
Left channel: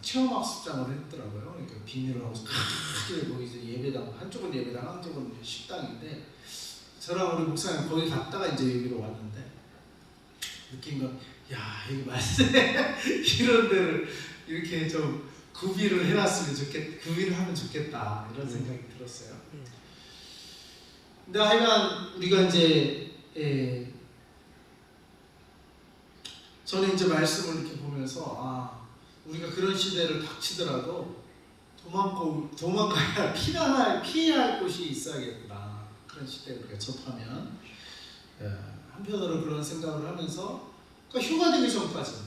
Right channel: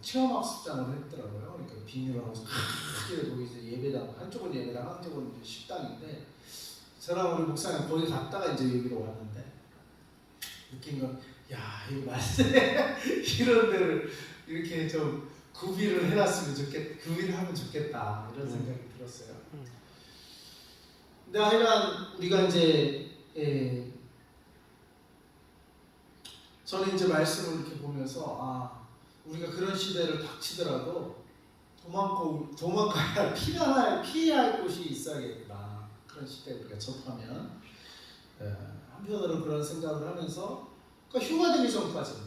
체험학습장을 했더라고요. 그러니까 비닐하우스 크게 거기 이제 예배당 한쪽은 예배당 한쪽은 이제 식당인데 저랑 우리 목사님 거기 갔다가 이제 여기로 왔는데 느낀 건 야 이거 말세 이런 데를 이렇게 좀 구비를 해놨으면 구비를 하면 좋겠다 이런 생각이 들었어요. 근데 하여간 우리가 이제 저는 이제 말씀을 이렇게 보면서 우리가 그런 시대를 닥치더라도 도망가야 피해야 할 곳이 있어야겠구나. 그런 시대에 우리가 접하면 한편으로 그런 생각을 하면서 그러니까 휴가 되기 전까지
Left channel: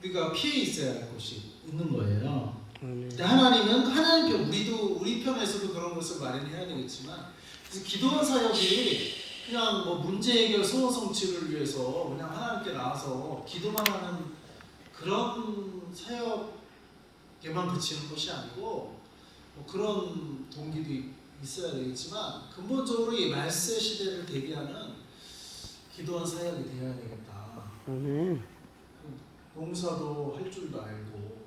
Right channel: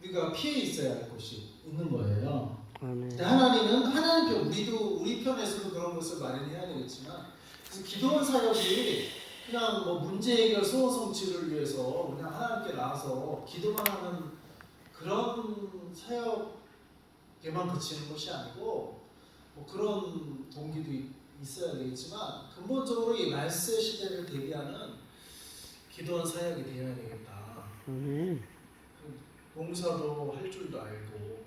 우리가 피해 있어야 할 곳이 있는 거예요. 근데 하나님은 하나님 편 우리 편에서도 그런 것을 마련해야 되겠지만 그래서 기도원 사역이 그냥 뭐 문제 해결 소원 성취를 위해서 그냥 하나님께 나와서 기도만 하는 그런 사역에만 그치는 것이 아니고 뭐 그런 동기도 있어야 되겠지만 근본적으로 이 말세 시대를 대비하는 기도원 사역이 되어야 되겠다. 농사도 할 줄도 알고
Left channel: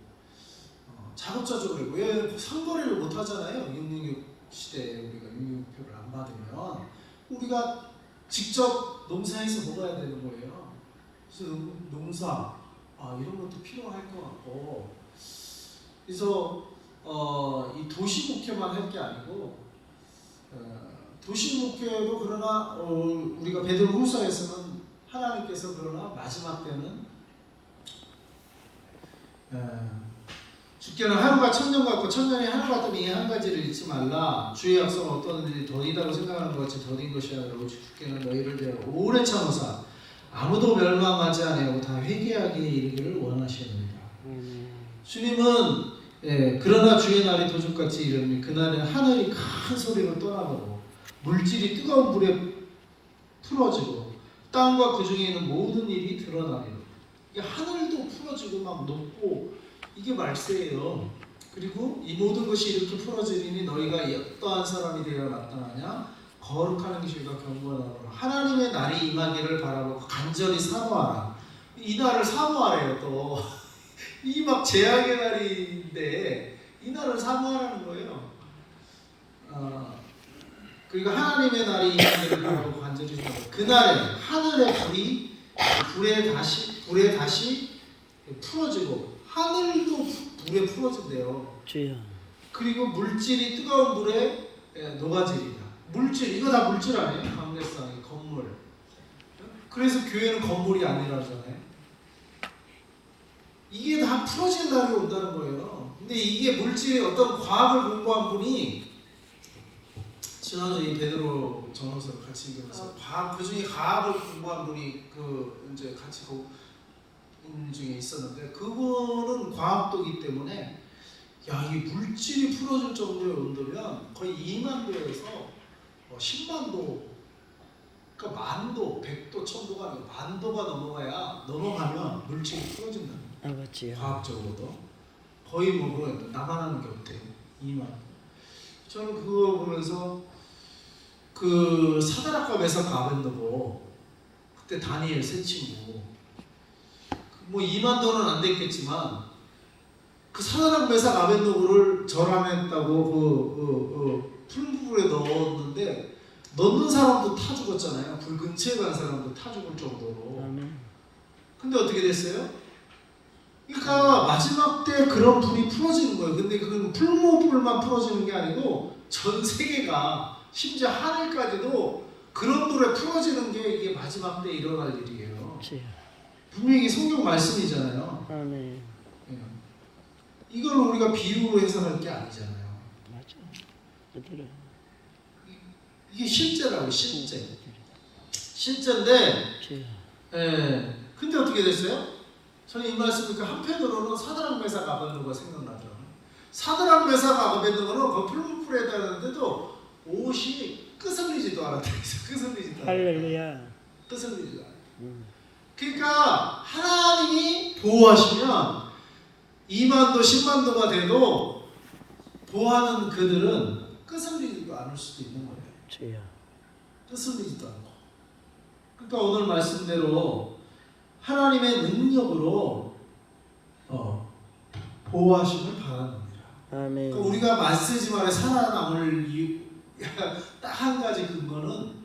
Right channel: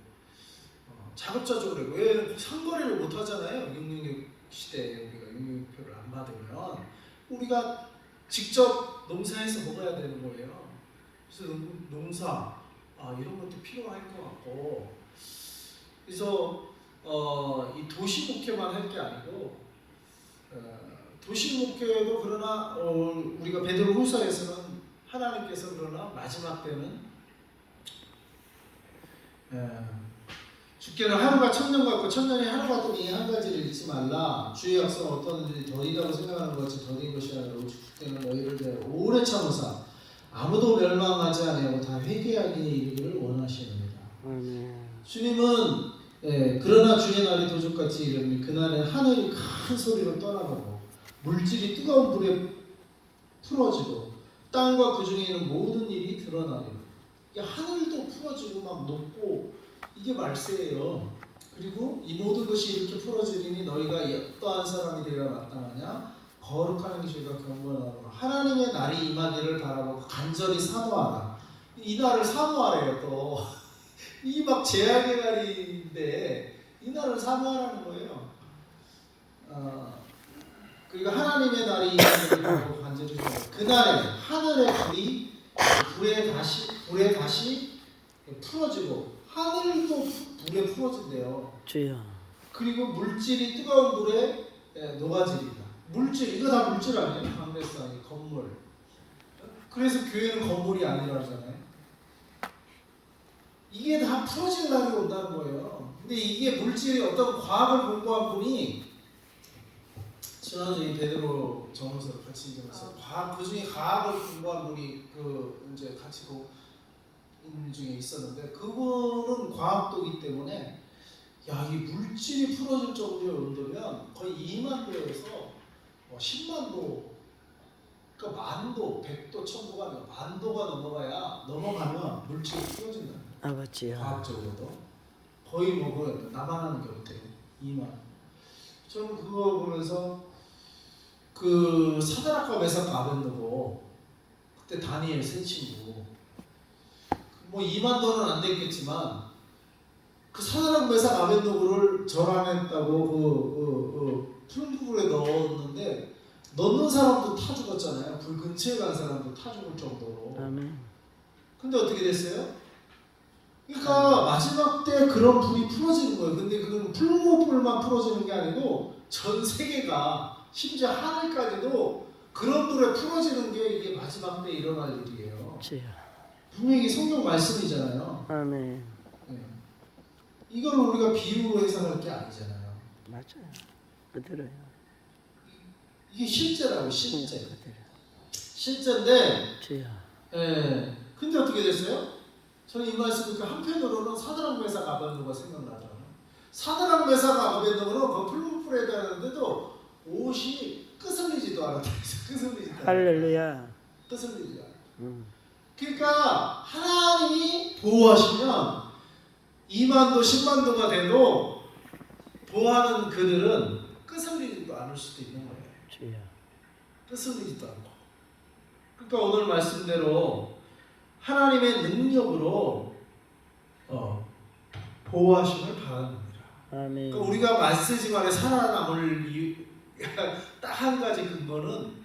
자급자족으로 왜 상거래를 못 하잖아요. 666 시대에 우리가 666표를 안 받으면 우리가 직접 농사해서 먹어야 되는 거예요. 그래서 농사 이런 것도 필요할 것 같고 그래서 이 도시 목회만 할 게 아니고 도시 목회도 그러나 우리가 베드로후서에서는 하나님께서 그러나 마지막 때는 주께는 하루가 천년 같고 천년이 하루 같다면 이 한 가지를 잊지 말라. 주의 약속은 어떠든지 더디다고 생각하는 것이 더딘 것이 아니라 주께는 너희를 대하여 오래 참으사 아무도 멸망하지 아니하고 다 회개하기에 이르기를 원하시느니라. 주님은 그러나 주의 날이 도적같이 이르니 그날은 하늘이 큰 소리로 떠나가고 물질이 뜨거운 불에 풀어지고 땅과 그 중에 있는 모든 일이 드러나리라. 이게 하늘도 풀어지고 막 높고 이게 말세예요. 그리고 이 모든 것이 이렇게 풀어지리니 너희가 어떠한 사람이 되어 마땅하냐? 거룩한 행실과 경건하라. 하나님의 날이 임하기를 바라보고 간절히 사모하라. 이 날을 사모하래요. 또 이 막 재앙의 날인데 이 날을 사모하라는 거예요. 그러니까 하나님의 날이 임하기를 바라보고 간절히 사모하라. 그날에 하늘의 불에 다시 풀어지고 하늘도 불에 풀어진대요. 그리고 물질이 뜨거운 물에 녹아지리라. 물질 이거 다 물질 아니에요? 강대상의 건물. 그래서 교회는 건물이 아니라잖아요. 이게 다 풀어질 날이 온다는 거예요. 근데 이게 물질이 어떤 과학을 공부한 분이 지난주 이 베드로 전후서를 같이 읽으면서 과학 그 중에 과학을 공부한 분이 그 이제 같이 그 중에 있었는데 그분은 과학도기 때문에 야, 이 물질이 풀어질 정도의 온도면 거의 2만도에서 10만도, 그러니까 만도, 100도, 1000도가 아니고 만도가 넘어가면 물질이 풀어진다는 거예요. 아버지요. 과학적으로도 거의 뭐 나만 하는 게 어때? 2만. 저는 그거 보면서 그 사드락과 메삭 아벤노고 그때 다니엘 세 친구 뭐 2만도는 안 됐겠지만 그 사드락 메삭 아벤노고를 절함했다고 풀무불에 넣었는데 넣는 사람도 타 죽었잖아요. 불 근처에 간 사람도 타 죽을 정도로. 아멘. 근데 어떻게 됐어요? 그러니까 마지막 때 그런 불이 풀어지는 거예요. 근데 그건 풀무불만 풀어지는 게 아니고 전 세계가 심지어 하늘까지도 그런 불에 풀어지는 게 이게 마지막 때 일어날 일이에요. 분명히 성경 말씀이잖아요. 아멘. 이걸 우리가 비유로 해석할 게 아니잖아요. 맞아요. 그대로요. 이게 실제라고 실제. 그대로. 실제인데. 주여. 예. 근데 어떻게 됐어요? 저는 이 말씀을 한편으로는 사드락 메삭 아벤노고가 생각나더라고요. 사드락 메삭 아벤노고는 그 풀무불에 다녔는데도 옷이 끄슬리지도 않았다. 끄슬리지도 않았다. 할렐루야. 끄슬리지도 않았다. 그러니까 하나님이 보호하시면 2만도 10만도가 돼도 보호하는 그들은 끄슬리지도 않을 수도 있는 거예요. 주여. 끄슬리지도 않고. 그러니까 오늘 말씀대로 하나님의 능력으로 보호하심을 바라는 겁니다. 아멘. 그러니까 우리가 말쓰지 말에 살아남을 딱 한 가지 근거는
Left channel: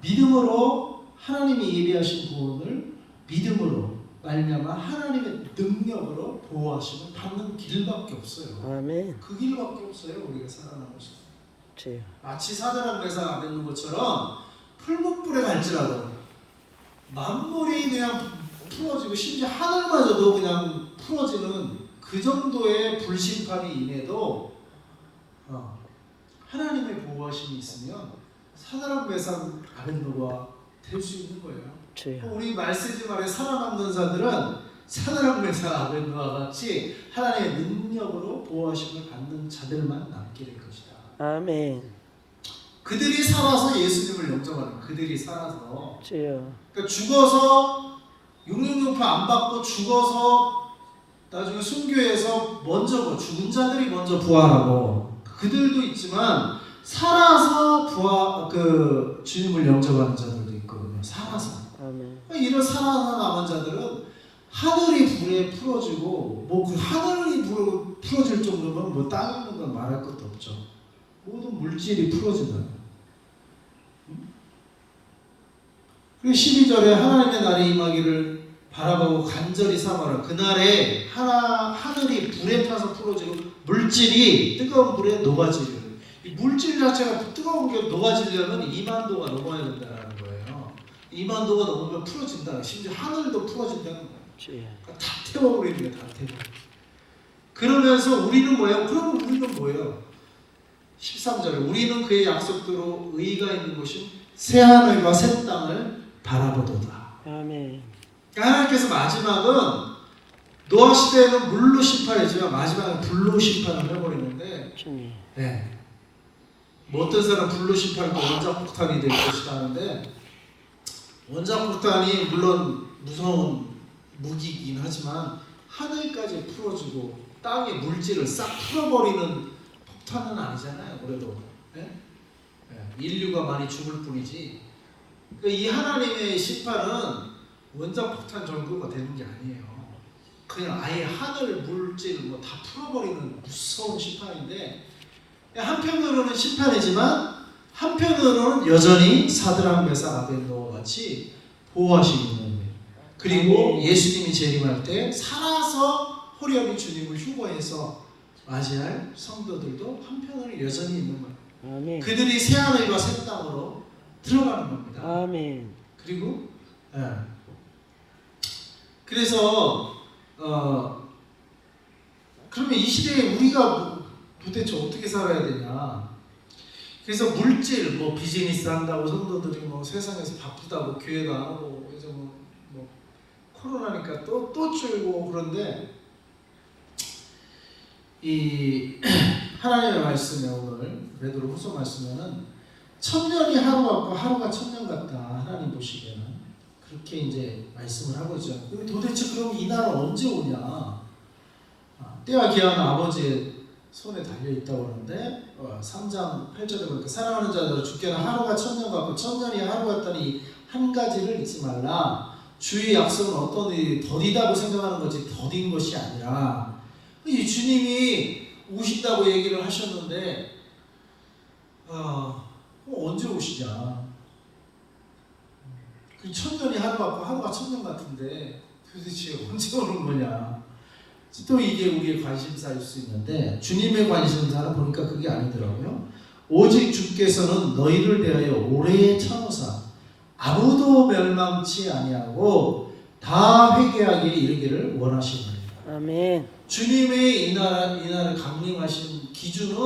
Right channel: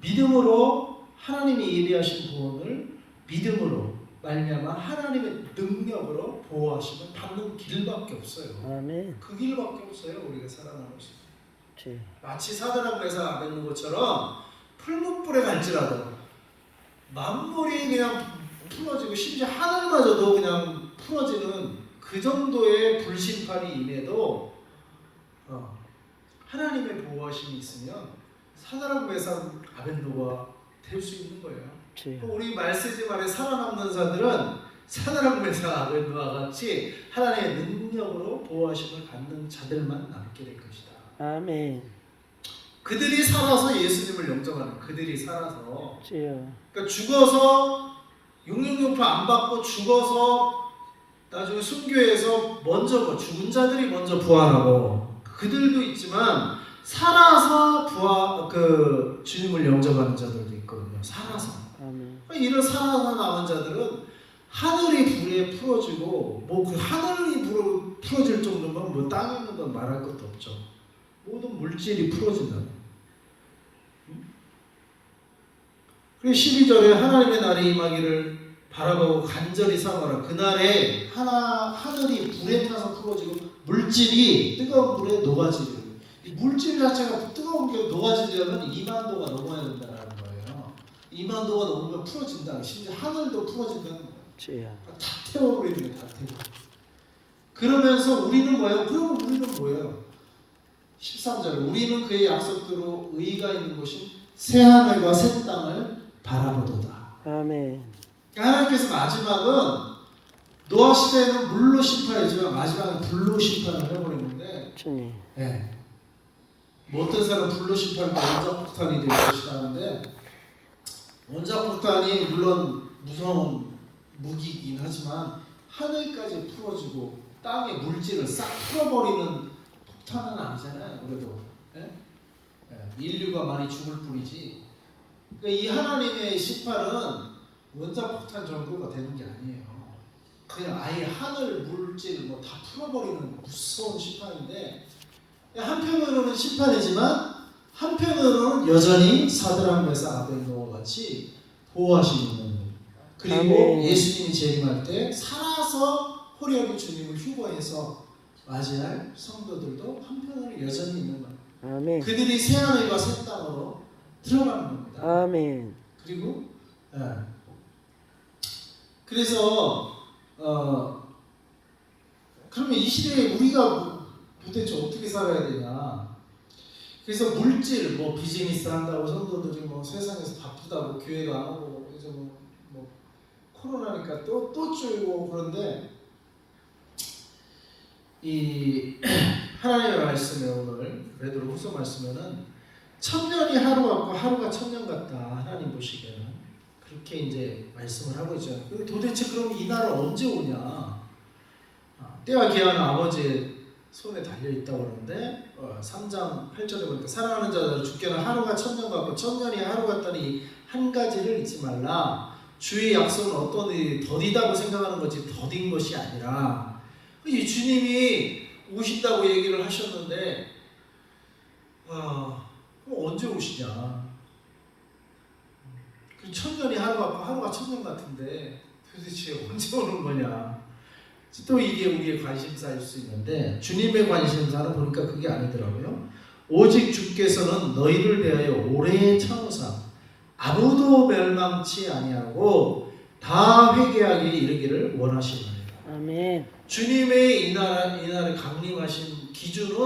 믿음으로 하나님이 예비하신 구원을 믿음으로 말미암아 하나님의 능력으로 보호하심을 받는 길밖에 없어요. 아멘. 그 길밖에 없어요. 우리가 살아남을 수 있어요. 주여. 마치 사드락 메삭 아벤노고처럼 풀무불에 갈지라도 만물이 그냥 풀어지고 심지어 하늘마저도 그냥 풀어지는 그 정도의 불심판이 임해도 하나님의 보호하심이 있으면 사드락 메삭 아벤노고가 될 수 있는 거예요. 주여. 우리 말쓰지 말에 살아남는 자들은 사드락 메삭 아벤노고와 같이 하나님의 능력으로 보호하심을 받는 자들만 남게 될 것이다. 아멘. 그들이 살아서 예수님을 영접하는 그들이 살아서 주여. 그러니까 죽어서 666파 안 받고 죽어서 나중에 순교해서 먼저 죽은 자들이 먼저 부활하고 그들도 있지만 살아서 주님을 영접하는 자들도 있거든요. 살아서. 아멘. 이런 살아서 남은 자들은 하늘이 불에 풀어지고 뭐 그 하늘이 불에 풀어질 정도면 뭐 땅에 있는 건 말할 것도 없죠. 모든 물질이 풀어진다. 그리고 12절에 하나님의 날이 임하기를 바라보고 간절히 삼아라. 그날에 하늘이 불에 타서 풀어지고 물질이 뜨거운 물에 녹아지려. 이 물질 자체가 뜨거운 게 녹아지려면 2만도가 넘어야 된다는 거예요. 2만도가 넘으면 풀어진다는, 심지어 하늘도 풀어진다는 거예요. 그러니까 다 태워버리는 거예요. 다 태워. 그러면서 우리는 뭐예요? 그러면 우리는 뭐예요? 13절 우리는 그의 약속대로 의가 있는 곳인 새하늘과 새 땅을 바라보도다. 아멘. 하나님께서 마지막은 노아 시대에는 물로 심판이지만 마지막은 불로 심판을 해버리는데 주님. 네. 뭐 어떤 사람 불로 심판할 때 원자폭탄이 될 것이다 하는데 원자폭탄이 물론 무서운 무기이긴 하지만 하늘까지 풀어지고 땅의 물질을 싹 풀어버리는 폭탄은 아니잖아요. 그래도 네? 네. 인류가 많이 죽을 뿐이지. 그러니까 이 하나님의 심판은 원자폭탄 정도가 되는 게 아니에요. 그냥 아예 하늘 물질 뭐 다 풀어버리는 무서운 심판인데 한편으로는 심판이지만 한편으로는 여전히 사드락 메삭 아벤노고와 같이 보호하시는 거예요. 그리고 아멘. 예수님이 재림할 때 살아서 호련히 주님을 휴거해서 맞이할 성도들도 한편으로 여전히 있는 거예요. 아멘. 그들이 새하늘과 새 땅으로 들어가는 겁니다. 아멘. 그리고 그래서 그러면 이 시대에 우리가 도대체 어떻게 살아야 되냐? 그래서 물질, 뭐 비즈니스 한다고 성도들이 뭐 세상에서 바쁘다고 교회도 안 오고 그래서 뭐 코로나니까 또 줄고 그런데 이 하나님의 말씀에 오늘 베드로후서 말씀에는 천년이 하루 같고 하루가 천년 같다. 하나님 보시기에는 그렇게 이제 말씀을 하고 있죠. 도대체 그럼 이 날은 언제 오냐? 때와 기한은 아버지의 손에 달려 있다고 그러는데 3장 8절에 보니까 사랑하는 자들 주께는 하루가 천년 같고 천년이 하루 같다니 한 가지를 잊지 말라. 주의 약속은 어떤 일이 더디다고 생각하는 것이 더딘 것이 아니라 이 주님이 오신다고 얘기를 하셨는데 언제 오시냐? 그 천년이 하루 같고 하루가 천년 같은데 도대체 언제 오는 거냐? 또 이게 우리의 관심사일 수 있는데 주님의 관심사는 보니까 그게 아니더라고요. 오직 주께서는 너희를 대하여 오래 참으사 아무도 멸망치 아니하고 다 회개하게 이르기를 원하시나이다. 아멘. 주님의 이날을 강림하신 기준은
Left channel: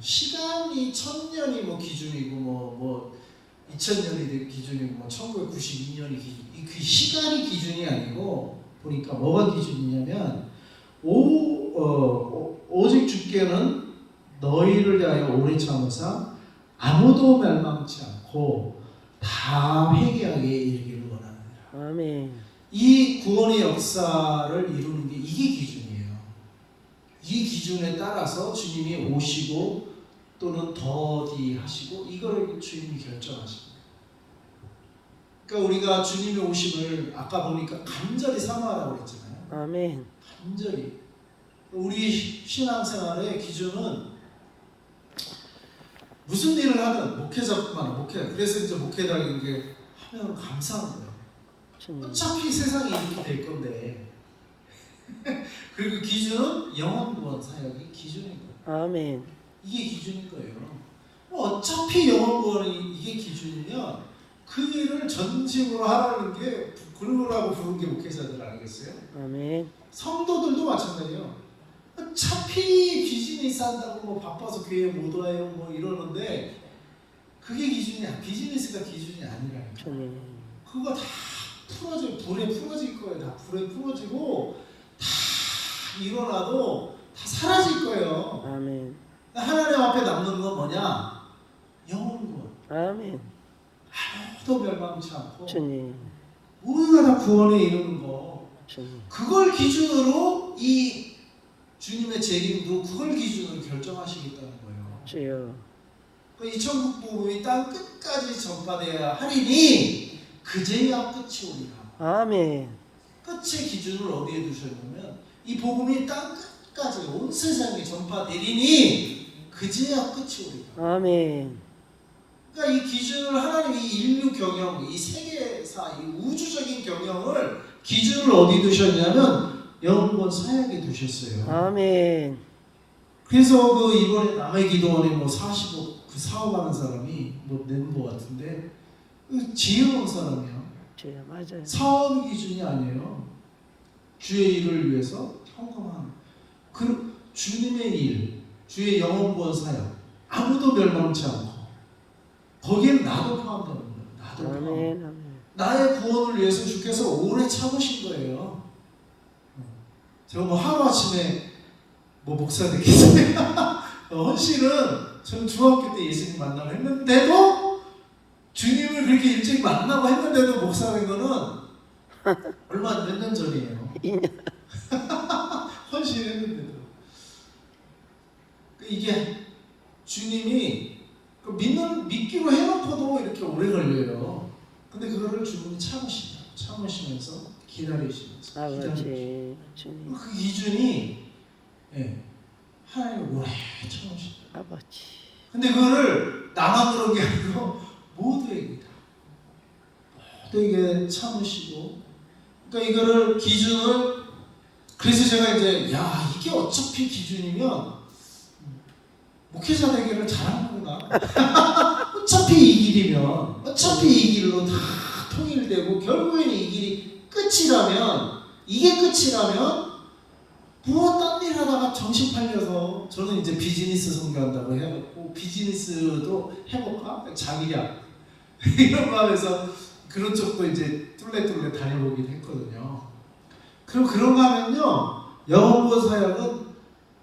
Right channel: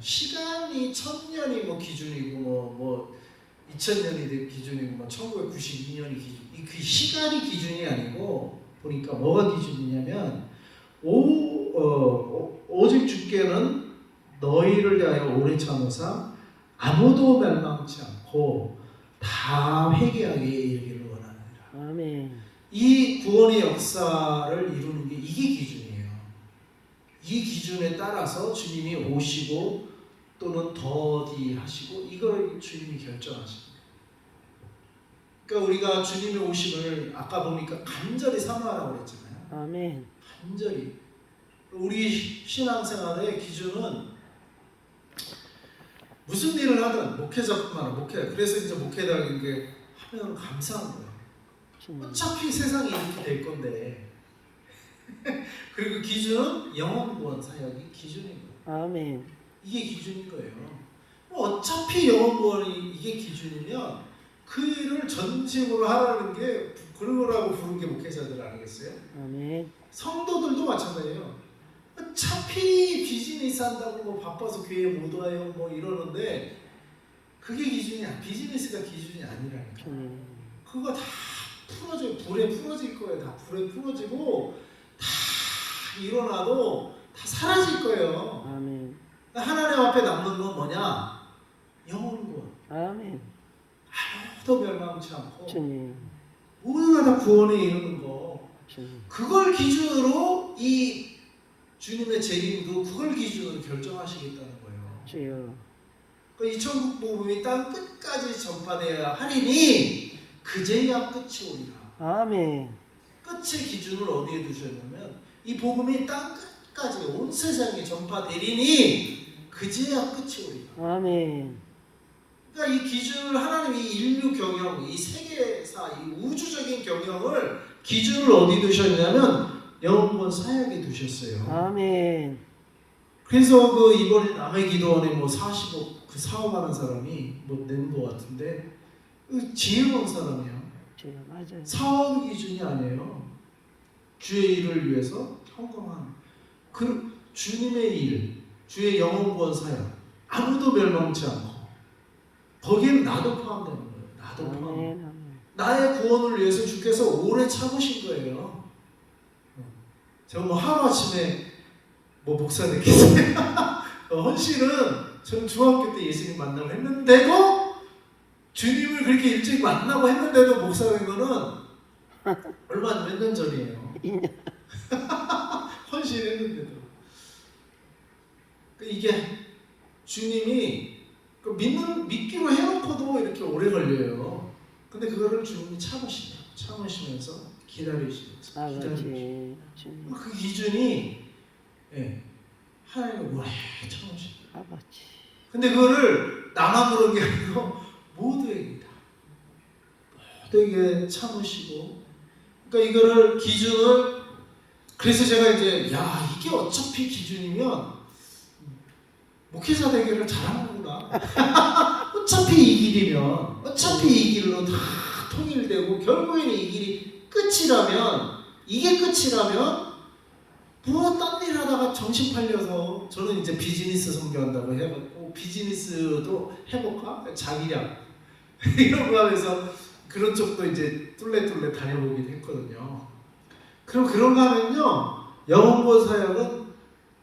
시간이 1000년이 뭐 기준이고 뭐 2000년이 기준이고 뭐 1992년이 기준. 그 시간이 기준이 아니고 보니까 뭐가 기준이냐면 오직 주께는 너희를 대하여 오래 참으사 아무도 멸망치 않고 다 회개하게 이르기를 원하느니라. 아멘. 이 구원의 역사를 이루는 게 이게 기준이에요. 이 기준에 따라서 주님이 오시고 또는 더디하시고 이걸 주님이 결정하십니다. 그러니까 우리가 주님의 오심을 아까 보니까 간절히 사모하라고 그랬잖아요. 아멘. 간절히. 우리 신앙생활의 기준은 무슨 일을 하든 목회자뿐만 목회. 그래서 이제 목회자인 게 하면 감사한 거예요. 어차피 세상이 이렇게 될 건데. 그리고 기준은 영원 구원 사역이 기준인 거예요. 아멘. 이게 기준인 거예요. 어차피 영원 구원이 이게 기준이면 그 일을 전심으로 하라는 게 그러라고 부른 게 목회자들 아니겠어요? 아멘. 성도들도 마찬가지예요. 어차피 비즈니스 한다고 뭐 바빠서 교회 못 와요 뭐 이러는데 그게 기준이 비즈니스가 기준이 아니라니까. 그거 다 풀어져 불에 풀어질 거예요. 다 불에 풀어지고 다 일어나도 다 사라질 거예요. 아멘. 하나님 앞에 남는 건 뭐냐? 영원 구원. 아멘. 아무도 멸망치 않고 주님. 모두가 다 구원에 이르는 거. 주님. 그걸 기준으로 이 주님의 재림도 그걸 기준으로 결정하시겠다는 거예요. 주여. 그러니까 이 천국 복음이 땅 끝까지 전파되어야 하리니 그제야 끝이 오리라. 아멘. 끝의 기준을 어디에 두셨냐면 이 복음이 땅 끝까지 온 세상에 전파되리니 그제야 끝이 오리라. 아멘. 그러니까 이 기준을 하나님이 인류 경영, 이 세계사, 이 우주적인 경영을 기준을 어디 두셨냐면 영원권 사역에 두셨어요. 아멘. 그래서 그 이번에 남의 기도원에 뭐 40억 그 사업하는 사람이 뭐 낸 것 같은데 그 지혜로운 사람이야. 주여 맞아요. 사업 기준이 아니에요. 주의 일을 위해서 헌금한 그 주님의 일, 주의 영원권 사역 아무도 멸망치 않고 거기에 나도 포함되는 거예요. 나도 포함. 아멘. 아멘. 나의 구원을 위해서 주께서 오래 참으신 거예요. 제가 뭐 하루아침에 뭐 목사 됐겠어요. 헌신은 저는 중학교 때 예수님 만나고 했는데도 주님을 그렇게 일찍 만나고 했는데도 목사 된 거는 얼마 몇 년 전이에요. 2년. 헌신했는데도 이게 주님이 믿기로 해놓고도 이렇게 오래 걸려요. 근데 그거를 주님이 참으시면서 기다리시면서 아버지 주님. 그 기준이 하나님이 오래 참으시죠. 아버지. 근데 그거를 나만 그런 게 아니고 모두에게 다 모두에게 참으시고 그러니까 이거를 기준을 그래서 제가 이제 이게 어차피 기준이면 목회자 되기를 잘하는구나. 어차피 이 길이면 어차피 이 길로 다 통일되고 결국에는 이 길이 끝이라면 이게 끝이라면 뭐 딴 일 하다가 정신 팔려서 저는 이제 비즈니스 선교한다고 해갖고 비즈니스도 해볼까? 자기야 이런 거 하면서 그런 쪽도 이제 뚫레뚫레 다녀보긴 했거든요. 그럼 그런가 하면요, 영혼보호 사역은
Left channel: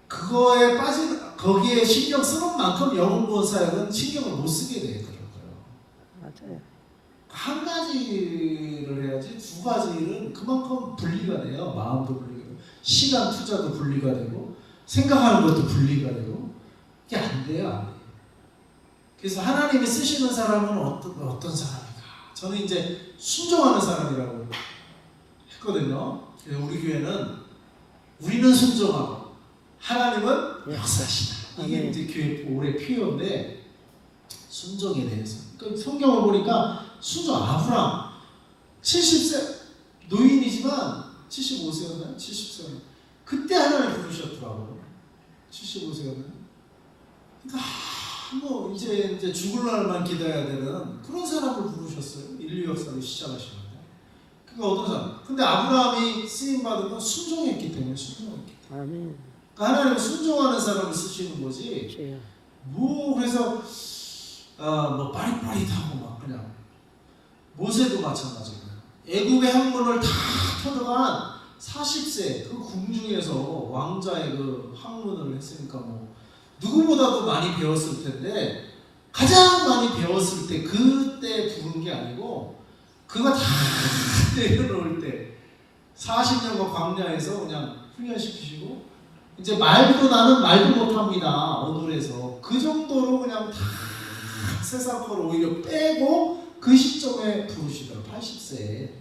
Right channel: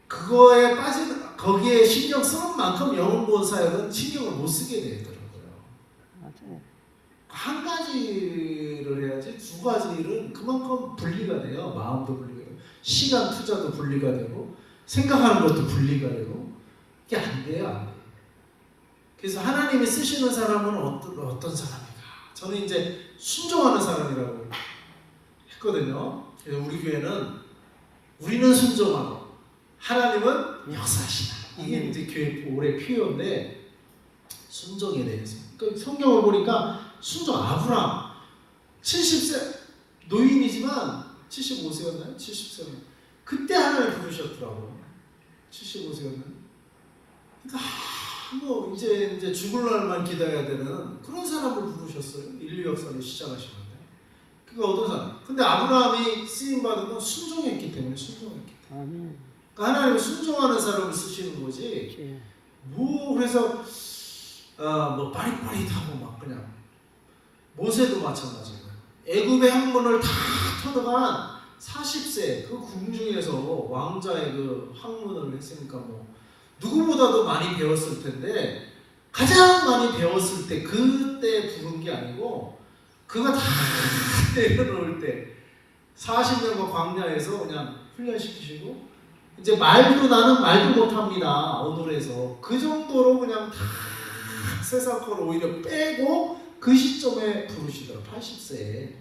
그거에 거기에 신경 쓰는 만큼 영혼보호 사역은 신경을 못 쓰게 되더라고요. 맞아요. 한 가지를 해야지 두 가지 일은 그만큼 분리가 돼요. 마음도 분리가 되고 시간 투자도 분리가 되고 생각하는 것도 분리가 되고 이게 안 돼요. 안 돼요. 그래서 하나님이 쓰시는 사람은 어떤 사람인가? 저는 이제 순종하는 사람이라고 했거든요. 그래서 우리 교회는 우리는 순종하고 하나님은 역사하시다. 이게 이제 교회 올해 표현인데 순종에 대해서. 그러니까 성경을 보니까 순종 아브람 70세 노인이지만 75세였나요? 70세였나요? 그때 하나님 부르셨더라고. 75세였나요? 그러니까 뭐 이제 죽을 날만 기다려야 되는 그런 사람을 부르셨어요. 인류 역사를 시작하시는데. 그러니까 어떤 사람? 근데 아브라함이 쓰임 받은 건 순종했기 때문에 순종했기 때문에. 아멘. 그러니까 하나님은 순종하는 사람을 쓰시는 거지. 뭐 그래서 뭐 빠릿빠릿하고 막 그냥 모세도 마찬가지고요. 애굽의 학문을 다 터득한 40세 그 궁중에서 왕자의 그 학문을 했으니까 뭐 누구보다도 많이 배웠을 텐데 가장 많이 배웠을 때 그때 부른 게 아니고 그가 다 내려놓을 때 40년간 광야에서 그냥 훈련시키시고 이제 나는 말도 못합니다. 언어에서 그 정도로 그냥 다 세상 거를 오히려 빼고 그 시점에 부르시더라. 80세에.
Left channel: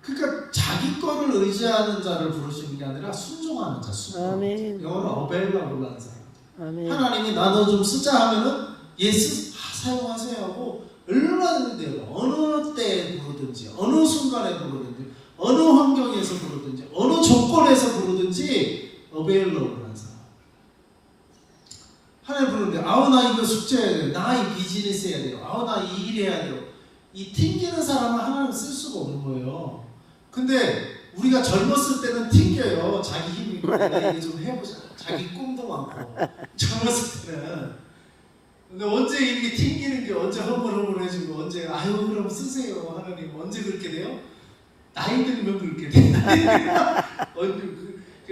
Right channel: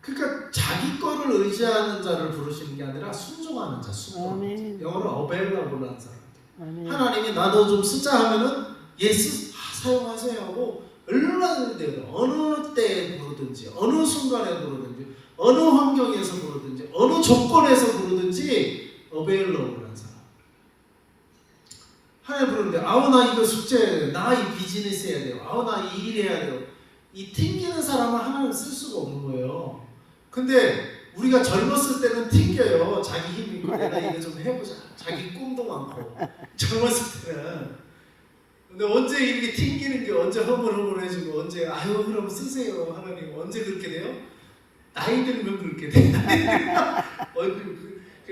그러니까 자기 거를 의지하는 자를 부르시는 게 아니라 순종하는 자. 아멘. 영어로 어벨러블라는 사람. 아멘. 하나님이 나도 좀 쓰자 하면은 예스 사용하세요 하고 얼마든지 돼요. 어느 때에 부르든지 어느 순간에 부르든지 어느 환경에서 부르든지 어느 조건에서 부르든지 어벨러블한 사람. 하나님 부르는데 아우 나 이거 숙제해야 돼요. 나 이 비즈니스 해야 돼요. 아우 나 이 일 해야 돼요. 이 튕기는 사람은 하나님 쓸 수가 없는 거예요. 근데 우리가 젊었을 때는 튕겨요. 자기 힘이 있고 내가 이게 좀 해보자. 자기 꿈도 많고 젊었을 때는. 근데 언제 이렇게 튕기는 게 언제 허물허물해지고 언제 아유 그럼 쓰세요 하나님 언제 그렇게 돼요? 나이 들면 그렇게 돼.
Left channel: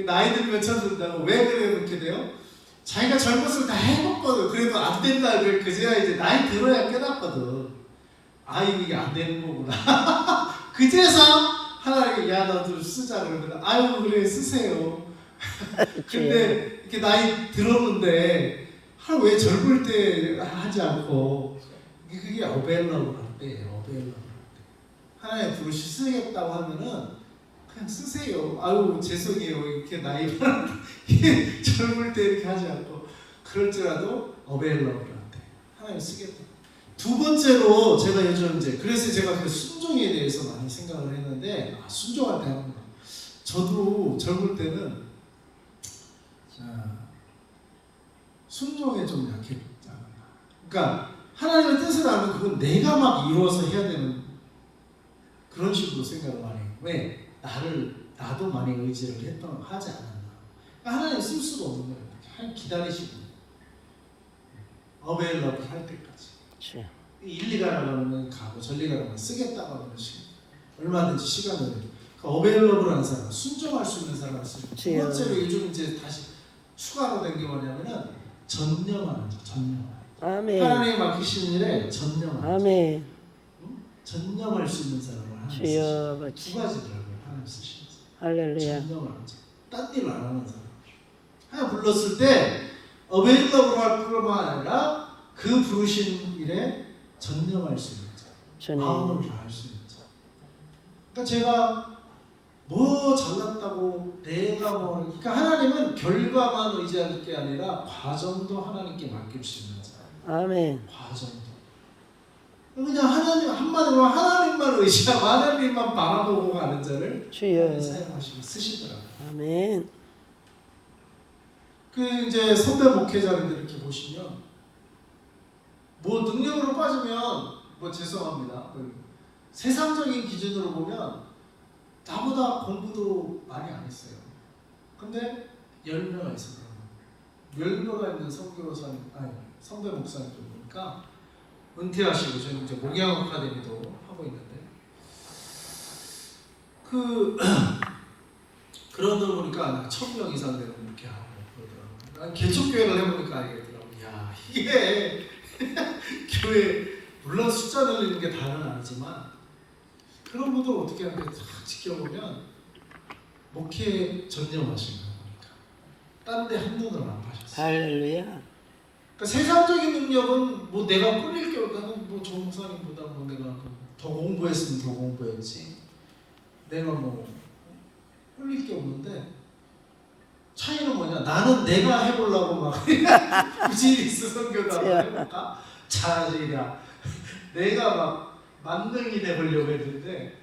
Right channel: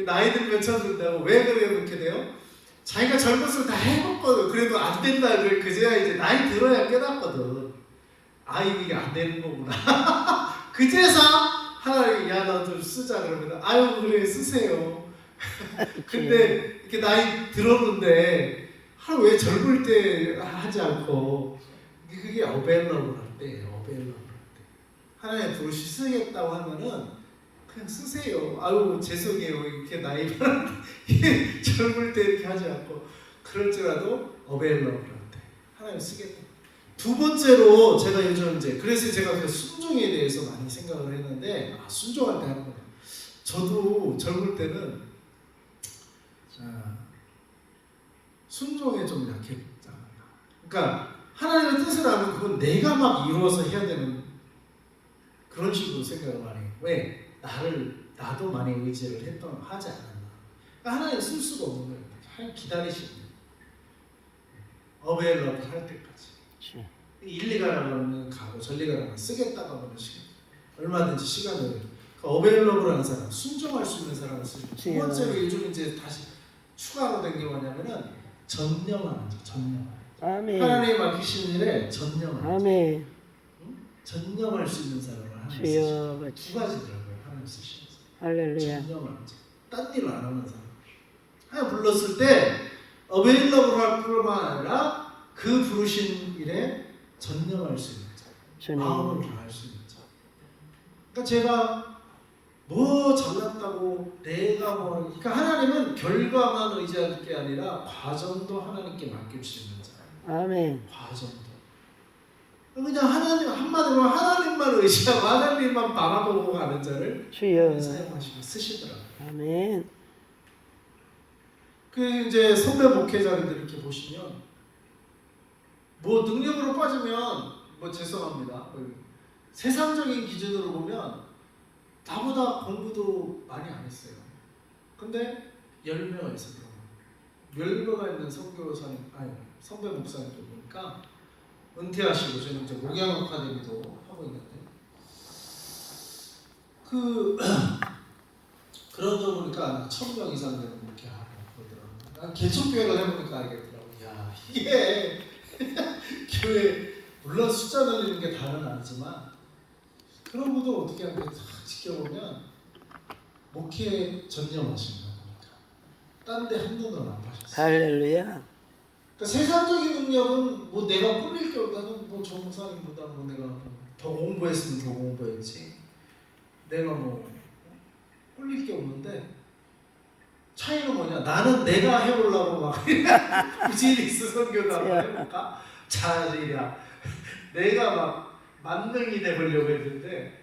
나이 들면 쳐준다고 왜 그래 그렇게 돼요? 자기가 젊었을 때 다 해봤거든. 그래도 안 된다 그걸 그제야 이제 나이 들어야 깨닫거든. 아 이게 안 되는 거구나. 그제서 하나님 야 너 좀 쓰자 그러면 아유 그래 쓰세요. 근데 이렇게 나이 들었는데 왜 젊을 때 하지 않고 그게 어벨러블 할 때예요. 어벨러블 할 때. 하나님 부르시 쓰겠다고 하면은 그냥 쓰세요. 아유 죄송해요. 이렇게 나이 젊을 때 이렇게 하지 않고 그럴지라도 어벨러블 할 때 하나님 쓰겠다. 두 번째로 제가 요즘 이제 그래서 제가 그 순종에 대해서 많이 생각을 했는데 순종할 때 하는구나. 저도 젊을 때는 순종에 좀 약했잖아. 그러니까 하나님의 뜻을 알면 그건 내가 막 이루어서 해야 되는 그런 식으로 생각을 많이 해요. 왜? 나도 많이 의지를 하지 않았나. 그러니까 하나님 쓸 수가 없는 거예요. 하나님 기다리시고 어벨러블 할 때까지. 일리 가라고 하면 가고 전리 가라고 하면 쓰겠다고 하면 쓰겠다. 얼마든지 시간을 어벨러블한 사람, 순종할 수 있는 사람을 쓰고. 두 번째로 요즘 이제 다시 추가로 된 게 뭐냐면은 전념하는 자, 전념하는. 아멘. 하나님이 맡기신 일에 전념하는. 아멘. 전념할 수 있는 사람을 하나님 주여 쓰시죠. 두 가지더라고요. 하나님 쓰시는 사람. 할렐루야. 전념하는 자, 딴 일 안 하는 사람. 하나님 불렀을 때 어벨러블 할 뿐만 아니라 그 부르신 일에 전념할 수 있는 자, 마음을 다할 수 있는 자. 그러니까 제가 뭐 잘났다고 내가 뭐 그러니까 하나님은 결과만 의지할 게 아니라 과정도 하나님께 맡겨주시는 자. 아멘. 과정도. 그냥 하나님 한마디로 하나님만 의지하고 하나님만 바라보고 가는 자를 주여 사용하시고 쓰시더라고요. 아멘. 그 이제 선배 목회자님들 이렇게 보시면 뭐 능력으로 빠지면 뭐 죄송합니다. 세상적인 기준으로 보면 나보다 공부도 많이 안 했어요. 근데 열매가 있어요. 열매가 있는 선교사님, 아니 선배 목사님들 보니까 은퇴하시고 지금 이제 목양 아카데미도 하고 있는데 그러다 보니까 나 1000명 이상 되는 목회하고 그러더라고요. 난 개척교회를 해보니까 알겠더라고요. 야, 이게 교회 물론 숫자 늘리는 게 다는 아니지만 그런 것도 어떻게 이렇게 딱 지켜보면 목회 전념하신 거 보니까 딴 데 한눈을 안 파셨어요. 할렐루야. 그러니까 세상적인 능력은 뭐 내가 꿀릴 게 없다는 뭐 조목사님보다 뭐 내가 더 공부했으면 더 공부했지 내가 뭐 꿀릴 게 없는데 차이는 뭐냐? 나는 내가 해보려고 막 비즈니스 선교다고 해볼까? 자질이야. 내가 막 만능이 돼보려고 했는데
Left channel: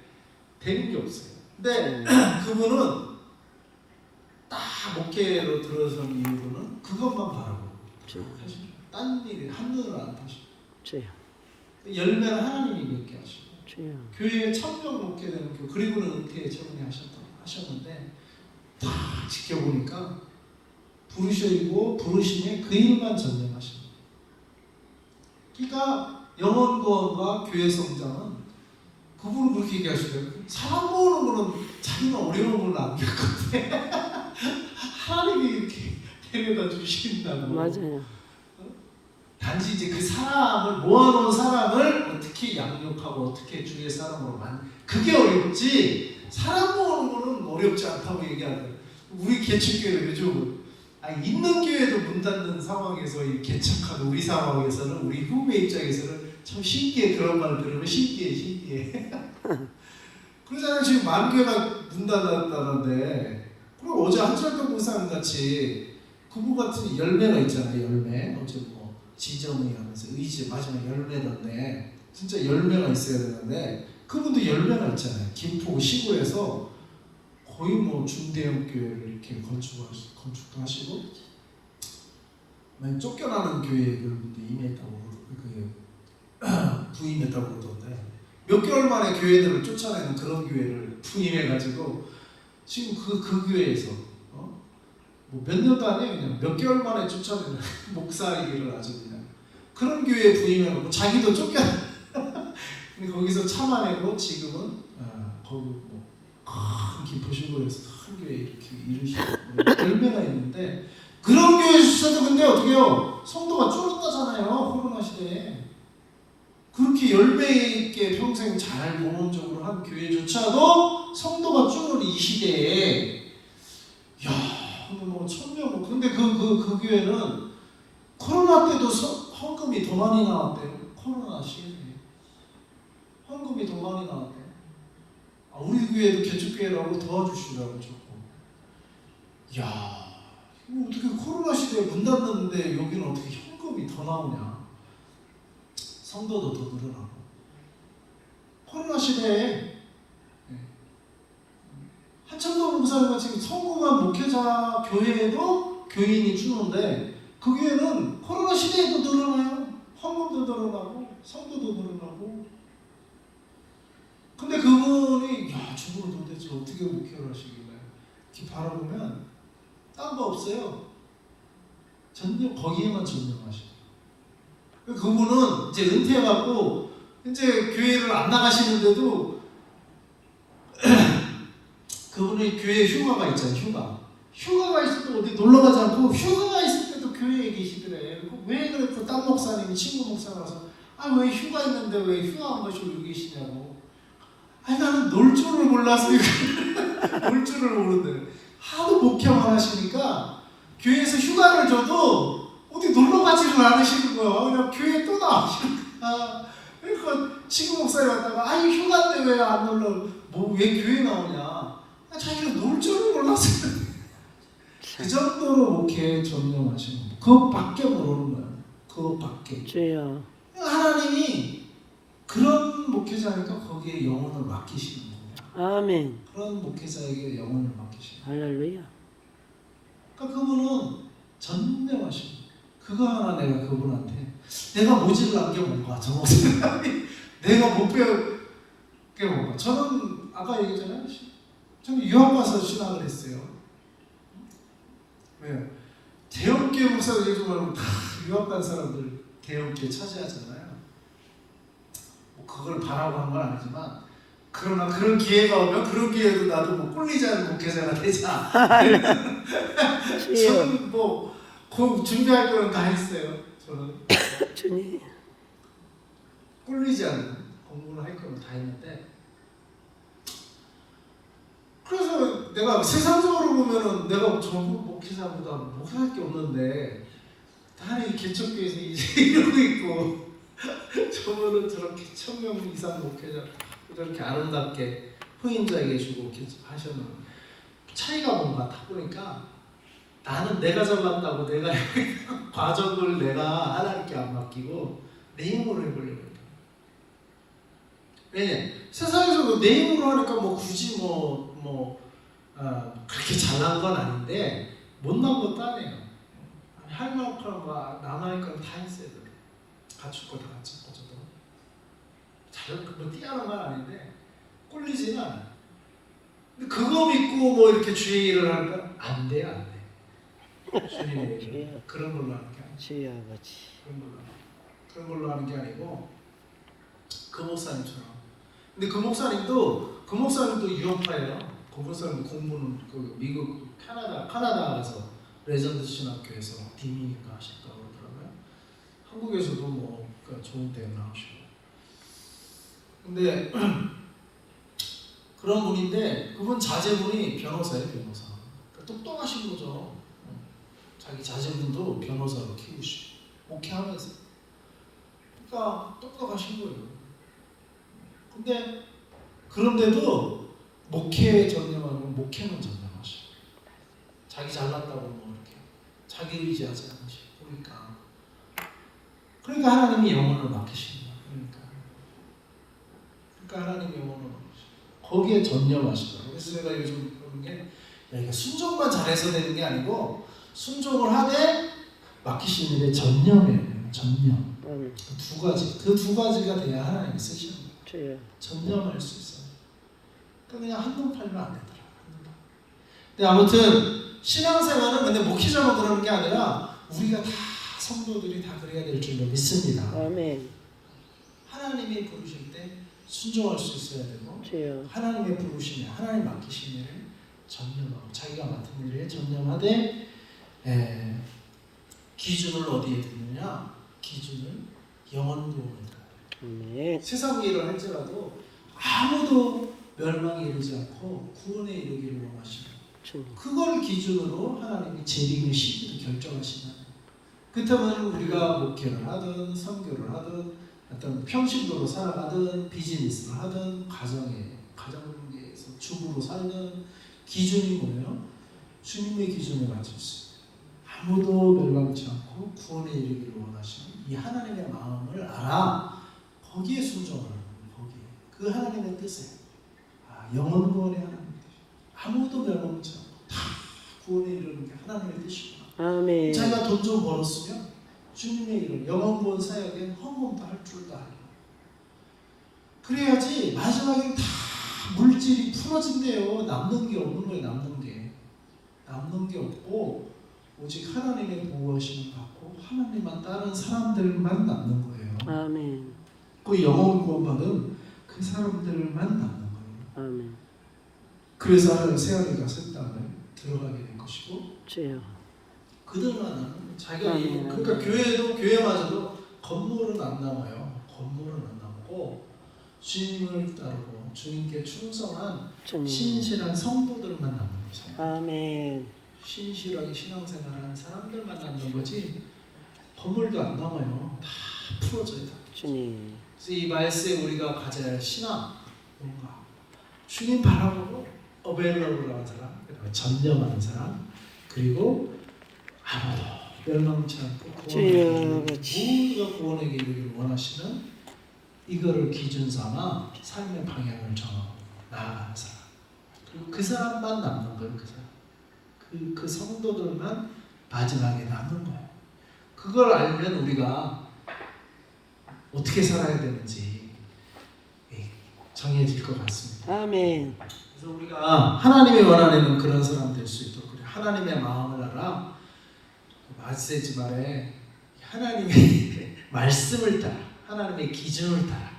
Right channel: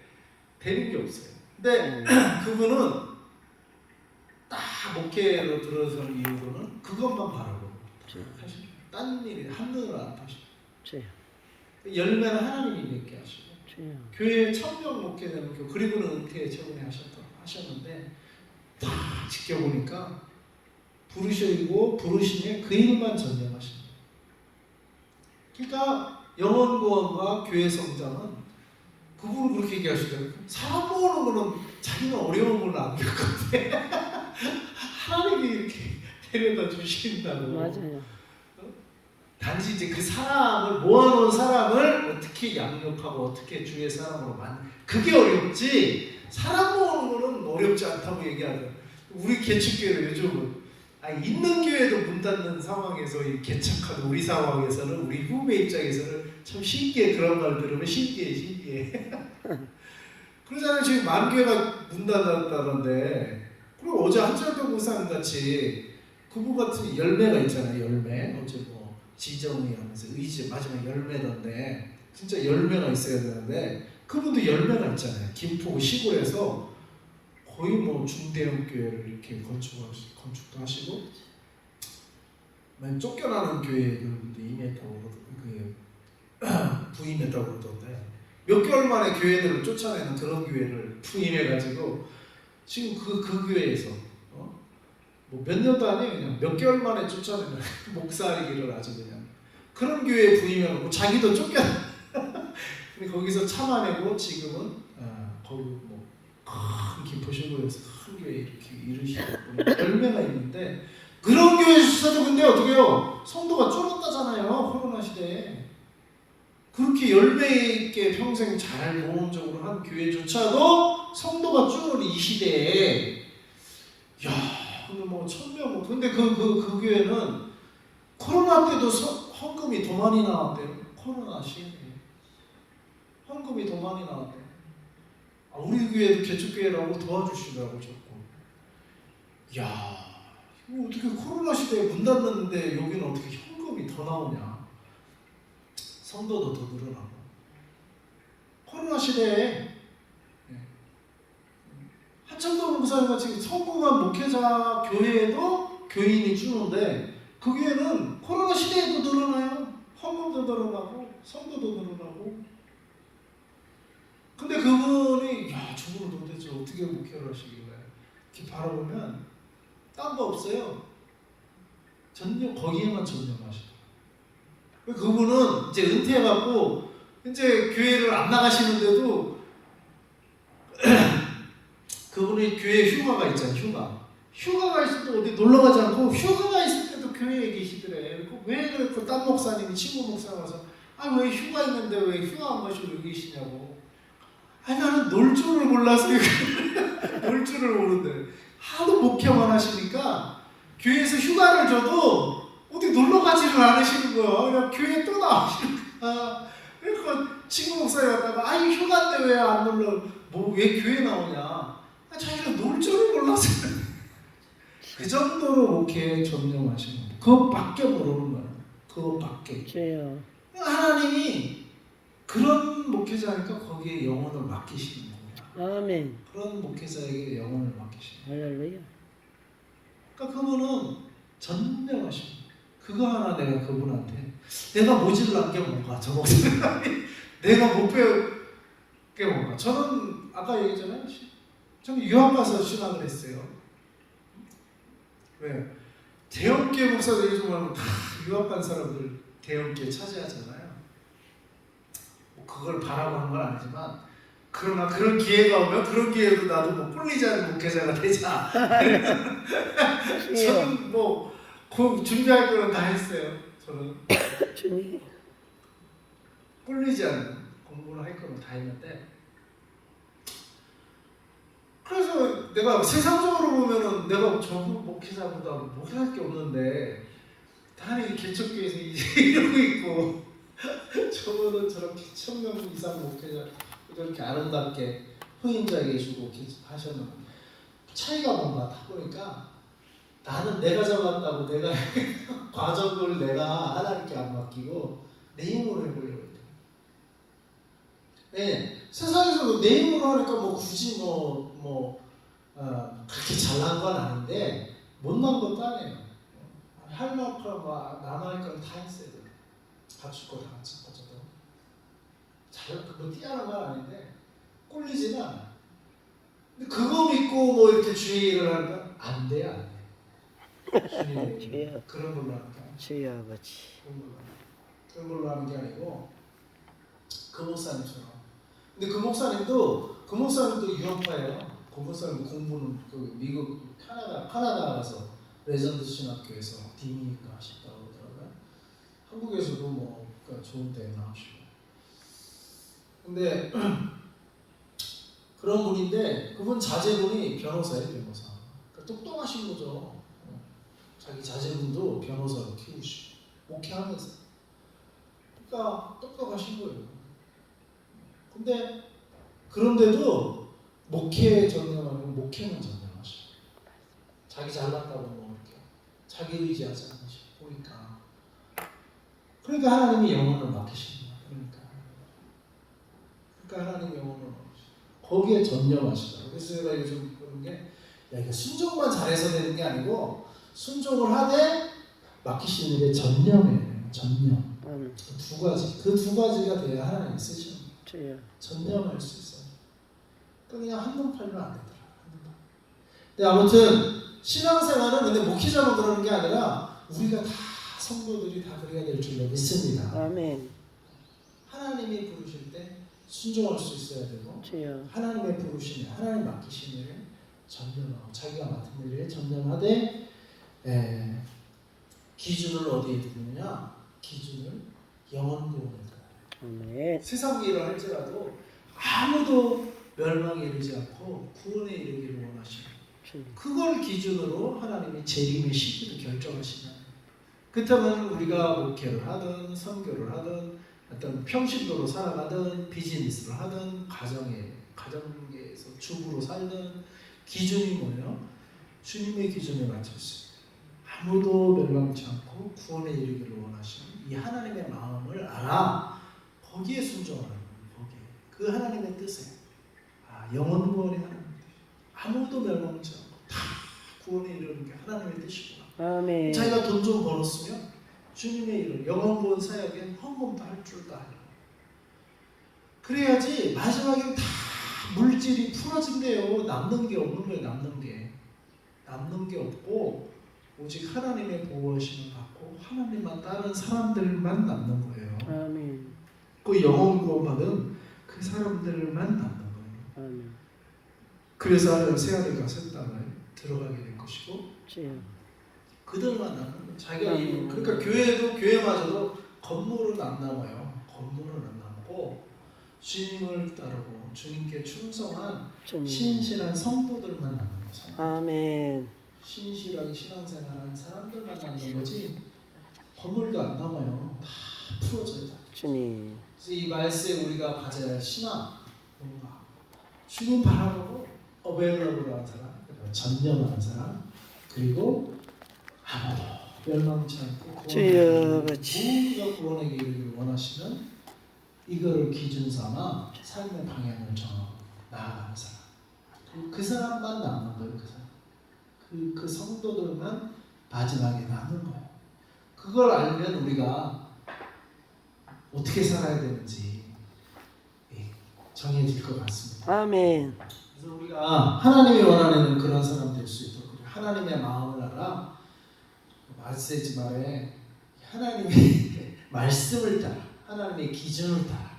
되는 게 없어요. 근데 그분은 딱 목회로 들어선 이유로는 그것만 바라보고 딴 일 한눈을 안 파시고 열매는 하나님이 맺게 하시고 교회에 1000명 목회되는 교 그리고는 은퇴 최근에 하셨는데 다 지켜보니까 부르시고 부르심에 그 일만 전념하십니다. 그러니까 영혼 구원과 교회 성장은 그분은 그렇게 얘기하시더라고요. 사람 모으는 거는 자기는 어려운 걸 안 겪었대. 하나님이 이렇게 데려다 주신다고. 맞아요. 단지 이제 그 사람을 모아놓은 사람을 어떻게 양육하고 어떻게 주의 사람으로 그게 어렵지 사람 모으는 거는 어렵지 않다고 얘기하더라고요. 우리 개척교회 요즘은 있는 교회도 문 닫는 상황에서 이 개척하는 우리 상황에서는 우리 후배 입장에서는 참 신기해. 그런 말 들으면 신기해. 그러잖아요. 지금 만교회가 문 닫았다는데 그리고 어제 한철동 목사님 같이 그분 같은 열매가 있잖아요. 열매 어제 뭐 지정이 하면서 의지 마지막 열매던데 진짜 열매가 있어야 되는데 그분도 열매가 있잖아요. 김포 시골에서 거의 뭐 중대형 교회를 이렇게 건축도 하시고 많이 쫓겨나는 교회들도 임했다고 부임했다고 그러던데 몇 개월 만에 교회들을 쫓아내는 그런 교회를 부임해가지고 지금 그 교회에서 뭐 몇 년도 아니에요. 그냥 몇 개월 만에 쫓아내는 목사이기를 아주 그냥 그런 교회에 부임해놓고 자기도 쫓겨나 근데 거기서 참아내고 지금은 거기 큰 김포시골에서 큰 교회 이렇게 이루시고 열매가 있는데 그런 교회에 있어도 근데 어떻게 해요? 성도가 줄었다잖아요. 코로나 시대에 그렇게 열매 있게 평생 잘 모험적으로 한 교회조차도 성도가 줄은 이 시대에 야 근데 뭐 1000명 뭐 근데 그 교회는 코로나 때도 헌금이 더 많이 나왔대요. 코로나 시대에 헌금이 더 많이 나왔대요. 우리 교회도 개척교회라고 도와주시라고 조금. 야, 이거 어떻게 코로나 시대에 문 닫는데 여기는 어떻게 현금이 더 나오냐? 성도도 더 늘어나고. 코로나 시대에 한창동 목사님 같이 성공한 목회자 교회에도 교인이 주는데 그 교회는 코로나 시대에도 늘어나요. 헌금도 늘어나고 성도도 늘어나고. 근데 그분이 저분은 도대체 어떻게 목회를 하시길래 이렇게 바라보면 딴 거 없어요. 거기에만 전념하시고 그분은 이제 은퇴해갖고 이제 교회를 안 나가시는데도 그분이 교회 휴가가 있잖아요. 휴가가 있을 때 어디 놀러 가지 않고 휴가가 있을 때도 교회에 계시더래. 왜 그랬고 딴 목사님이 친구 목사라서 왜 휴가 있는데 왜 휴가 안 가시고 여기 계시냐고. 나는 놀 줄을 몰라서 놀 줄을 모르는데 하도 목회만 하시니까 교회에서 휴가를 줘도 어디 놀러 가지를 않으시는 거야. 그냥 교회에 또 나오시는 거야. 그러니까 친구 목사님 왔다가 휴가인데 왜 안 놀러 왜 교회 나오냐. 자기가 놀 줄을 몰라서 그 정도로 목회에 전념하시는 거야. 그것밖에 모르는 거야. 그것밖에. 주여. 하나님이 그런 목회자니까 거기에 영혼을 맡기시는 겁니다. 아멘. 그런 목회자에게 영혼을 맡기시는 거예요. 할렐루야. 그러니까 그분은 전념하십니다. 그거 하나 내가 그분한테 내가 모질란 게 뭔가 저 목사님이 내가 못 배운 게 뭔가 저는 아까 얘기했잖아요. 저는 유학 가서 신학을 했어요. 왜? 대형교회 목사들이 정말 다 유학 간 사람들 대형교회 차지하잖아요. 뭐 그걸 바라고 한 건 아니지만 그러나 그런 기회가 오면 그런 기회도 나도 뭐 꿀리지 않은 목회자가 되자. 저는 뭐 준비할 거는 다 했어요. 저는 주님. 꿀리지 않는 공부를 할 거는 다 했는데, 그래서 내가 세상적으로 보면은 내가 전부 목회자보다 목회할 게 없는데 다행히 개척교회에서 이제 이러고 있고 저분은 저렇게 1000명 이상 목회자 저렇게 아름답게 후임자에게 주고 하셨는 차이가 뭔가 다 보니까 나는 내가 잘났다고 내가 과정을 내가 하나님께 안 맡기고 내 힘으로 해보려고 했다. 왜냐? 세상에서도 내 힘으로 하니까 뭐 굳이 그렇게 잘난 건 아닌데 못난 것도 아니에요. 할 만큼 남아있는 건 다 했어야 돼. 갖출 거 다 갖춰도 뭐 뛰어난 건 아닌데 꼴리지는 않아. 근데 그거 믿고 뭐 이렇게 주의 일을 하는 건 안 돼요, 안 돼. 주의 그런 걸로 하는 게 아니에요. 주의 아버지. 그런 걸로 하는 게 아니고 그 목사님처럼. 근데 그 목사님도 유학파예요. 그 목사님도 공부는 그 미국 캐나다 가서 레전드 신학교에서 디미니까 하셨다고 그러더라고요. 한국에서도 뭐 좋은 대학 나오시고. 근데 그런 분인데 그분 자제분이 변호사예요, 변호사. 그러니까 똑똑하신 거죠. 자기 자제분도 변호사로 키우시고 목회하면서. 그러니까 똑똑하신 거예요. 근데 그런데도 목회에 전념하면 목회만 전념하셔. 자기 잘났다고 뭐 이렇게 자기 의지하지 않으시고 보니까. 그러니까 하나님이 영혼을 맡기시는 거예요. 그러니까 하나님이 영혼을 맡기시고 거기에 전념하시더라고요. 그래서 제가 요즘 보는 게 이거 순종만 잘해서 되는 게 아니고 순종을 하되 맡기신 일에 전념해야 돼요. 전념. 그 두 가지가 돼야 하나님이 쓰시는 거예요. 전념할 수 있어요. 그러니까 그냥 한눈 팔면 안 되더라고요. 근데 아무튼 신앙생활은 근데 목회자만 그러는 게 아니라 우리가 다 성도들이 다 그래야 될 줄로 믿습니다. 아멘. 하나님이 부르실 때 순종할 수 있어야 되고 하나님의 부르심에 하나님 맡기신 일에 전념하고 자기가 맡은 일에 전념하되 기준을 어디에 두느냐? 기준을 영원 구원에 둬요. 세상 일을 할지라도 아무도 멸망에 이르지 않고 구원에 이르기를 원하시고 그걸 기준으로 하나님이 재림의 시기도 결정하시는. 그렇다면 우리가 목회를 하든 선교를 하든 어떤 평신도로 살아가든 비즈니스를 하든 가정에서 주부로 살든 기준이 뭐예요? 주님의 기준에 맞췄어요. 아무도 멸망치 않고 구원에 이르기를 원하시는 이 하나님의 마음을 알아 거기에 순종하는 거예요. 거기에 그 하나님의 뜻에 영원 구원의 하나님 아무도 멸망치 않고 다 구원에 이르는 게 하나님의 뜻이구나. 아멘. 자기가 돈 좀 벌었으면 주님의 이름 영원 구원 사역엔 헌금도 할 줄도 알고 그래야지 마지막엔 다 물질이 풀어진대요. 남는 게 없는 거예요. 남는 게 없고 오직 하나님의 보호하심을 받고 하나님만 따른 사람들만 남는 거예요. 아멘. 그 영원 구원 받은 그 사람들만 남는 거예요. 아멘. 그래서 하나님 새하늘과 새 땅을 들어가게 될 것이고 그들만 남는 거예요. 자기가 그러니까 교회마저도 건물은 안 남아요. 건물은 안 남고 주님을 따르고 주님께 충성한 신실한 성도들만 남는 거죠. 아멘. 신실하게 신앙생활하는 사람들만 남는 거지 건물도 안 남아요. 다 풀어져요. 주님. 그래서 이 말세에 우리가 가져야 할 신앙 뭔가 주님 바라보고 어벨러브라는 사람, 전념하는 사람, 그리고 아무도 멸망치 않고 모두가 구원에 이르기를 원하시는 이거를 기준 삼아 삶의 방향을 정하고 나아가는 사람. 그리고 그 사람만 남는 거예요. 그 사람. 그 성도들만 마지막에 남는 거예요. 그걸 알면 우리가 어떻게 살아야 되는지 정해질 것 같습니다. 아멘. 그래서 우리가 하나님이 원하는 그런 사람 될 수 있도록 그래. 하나님의 마음을 알아. 말세지 말에 하나님의 말씀을 따라 하나님의 기준을 따라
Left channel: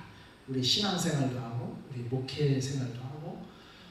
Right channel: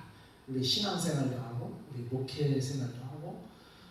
우리 신앙생활도 하고 우리 목회 생활도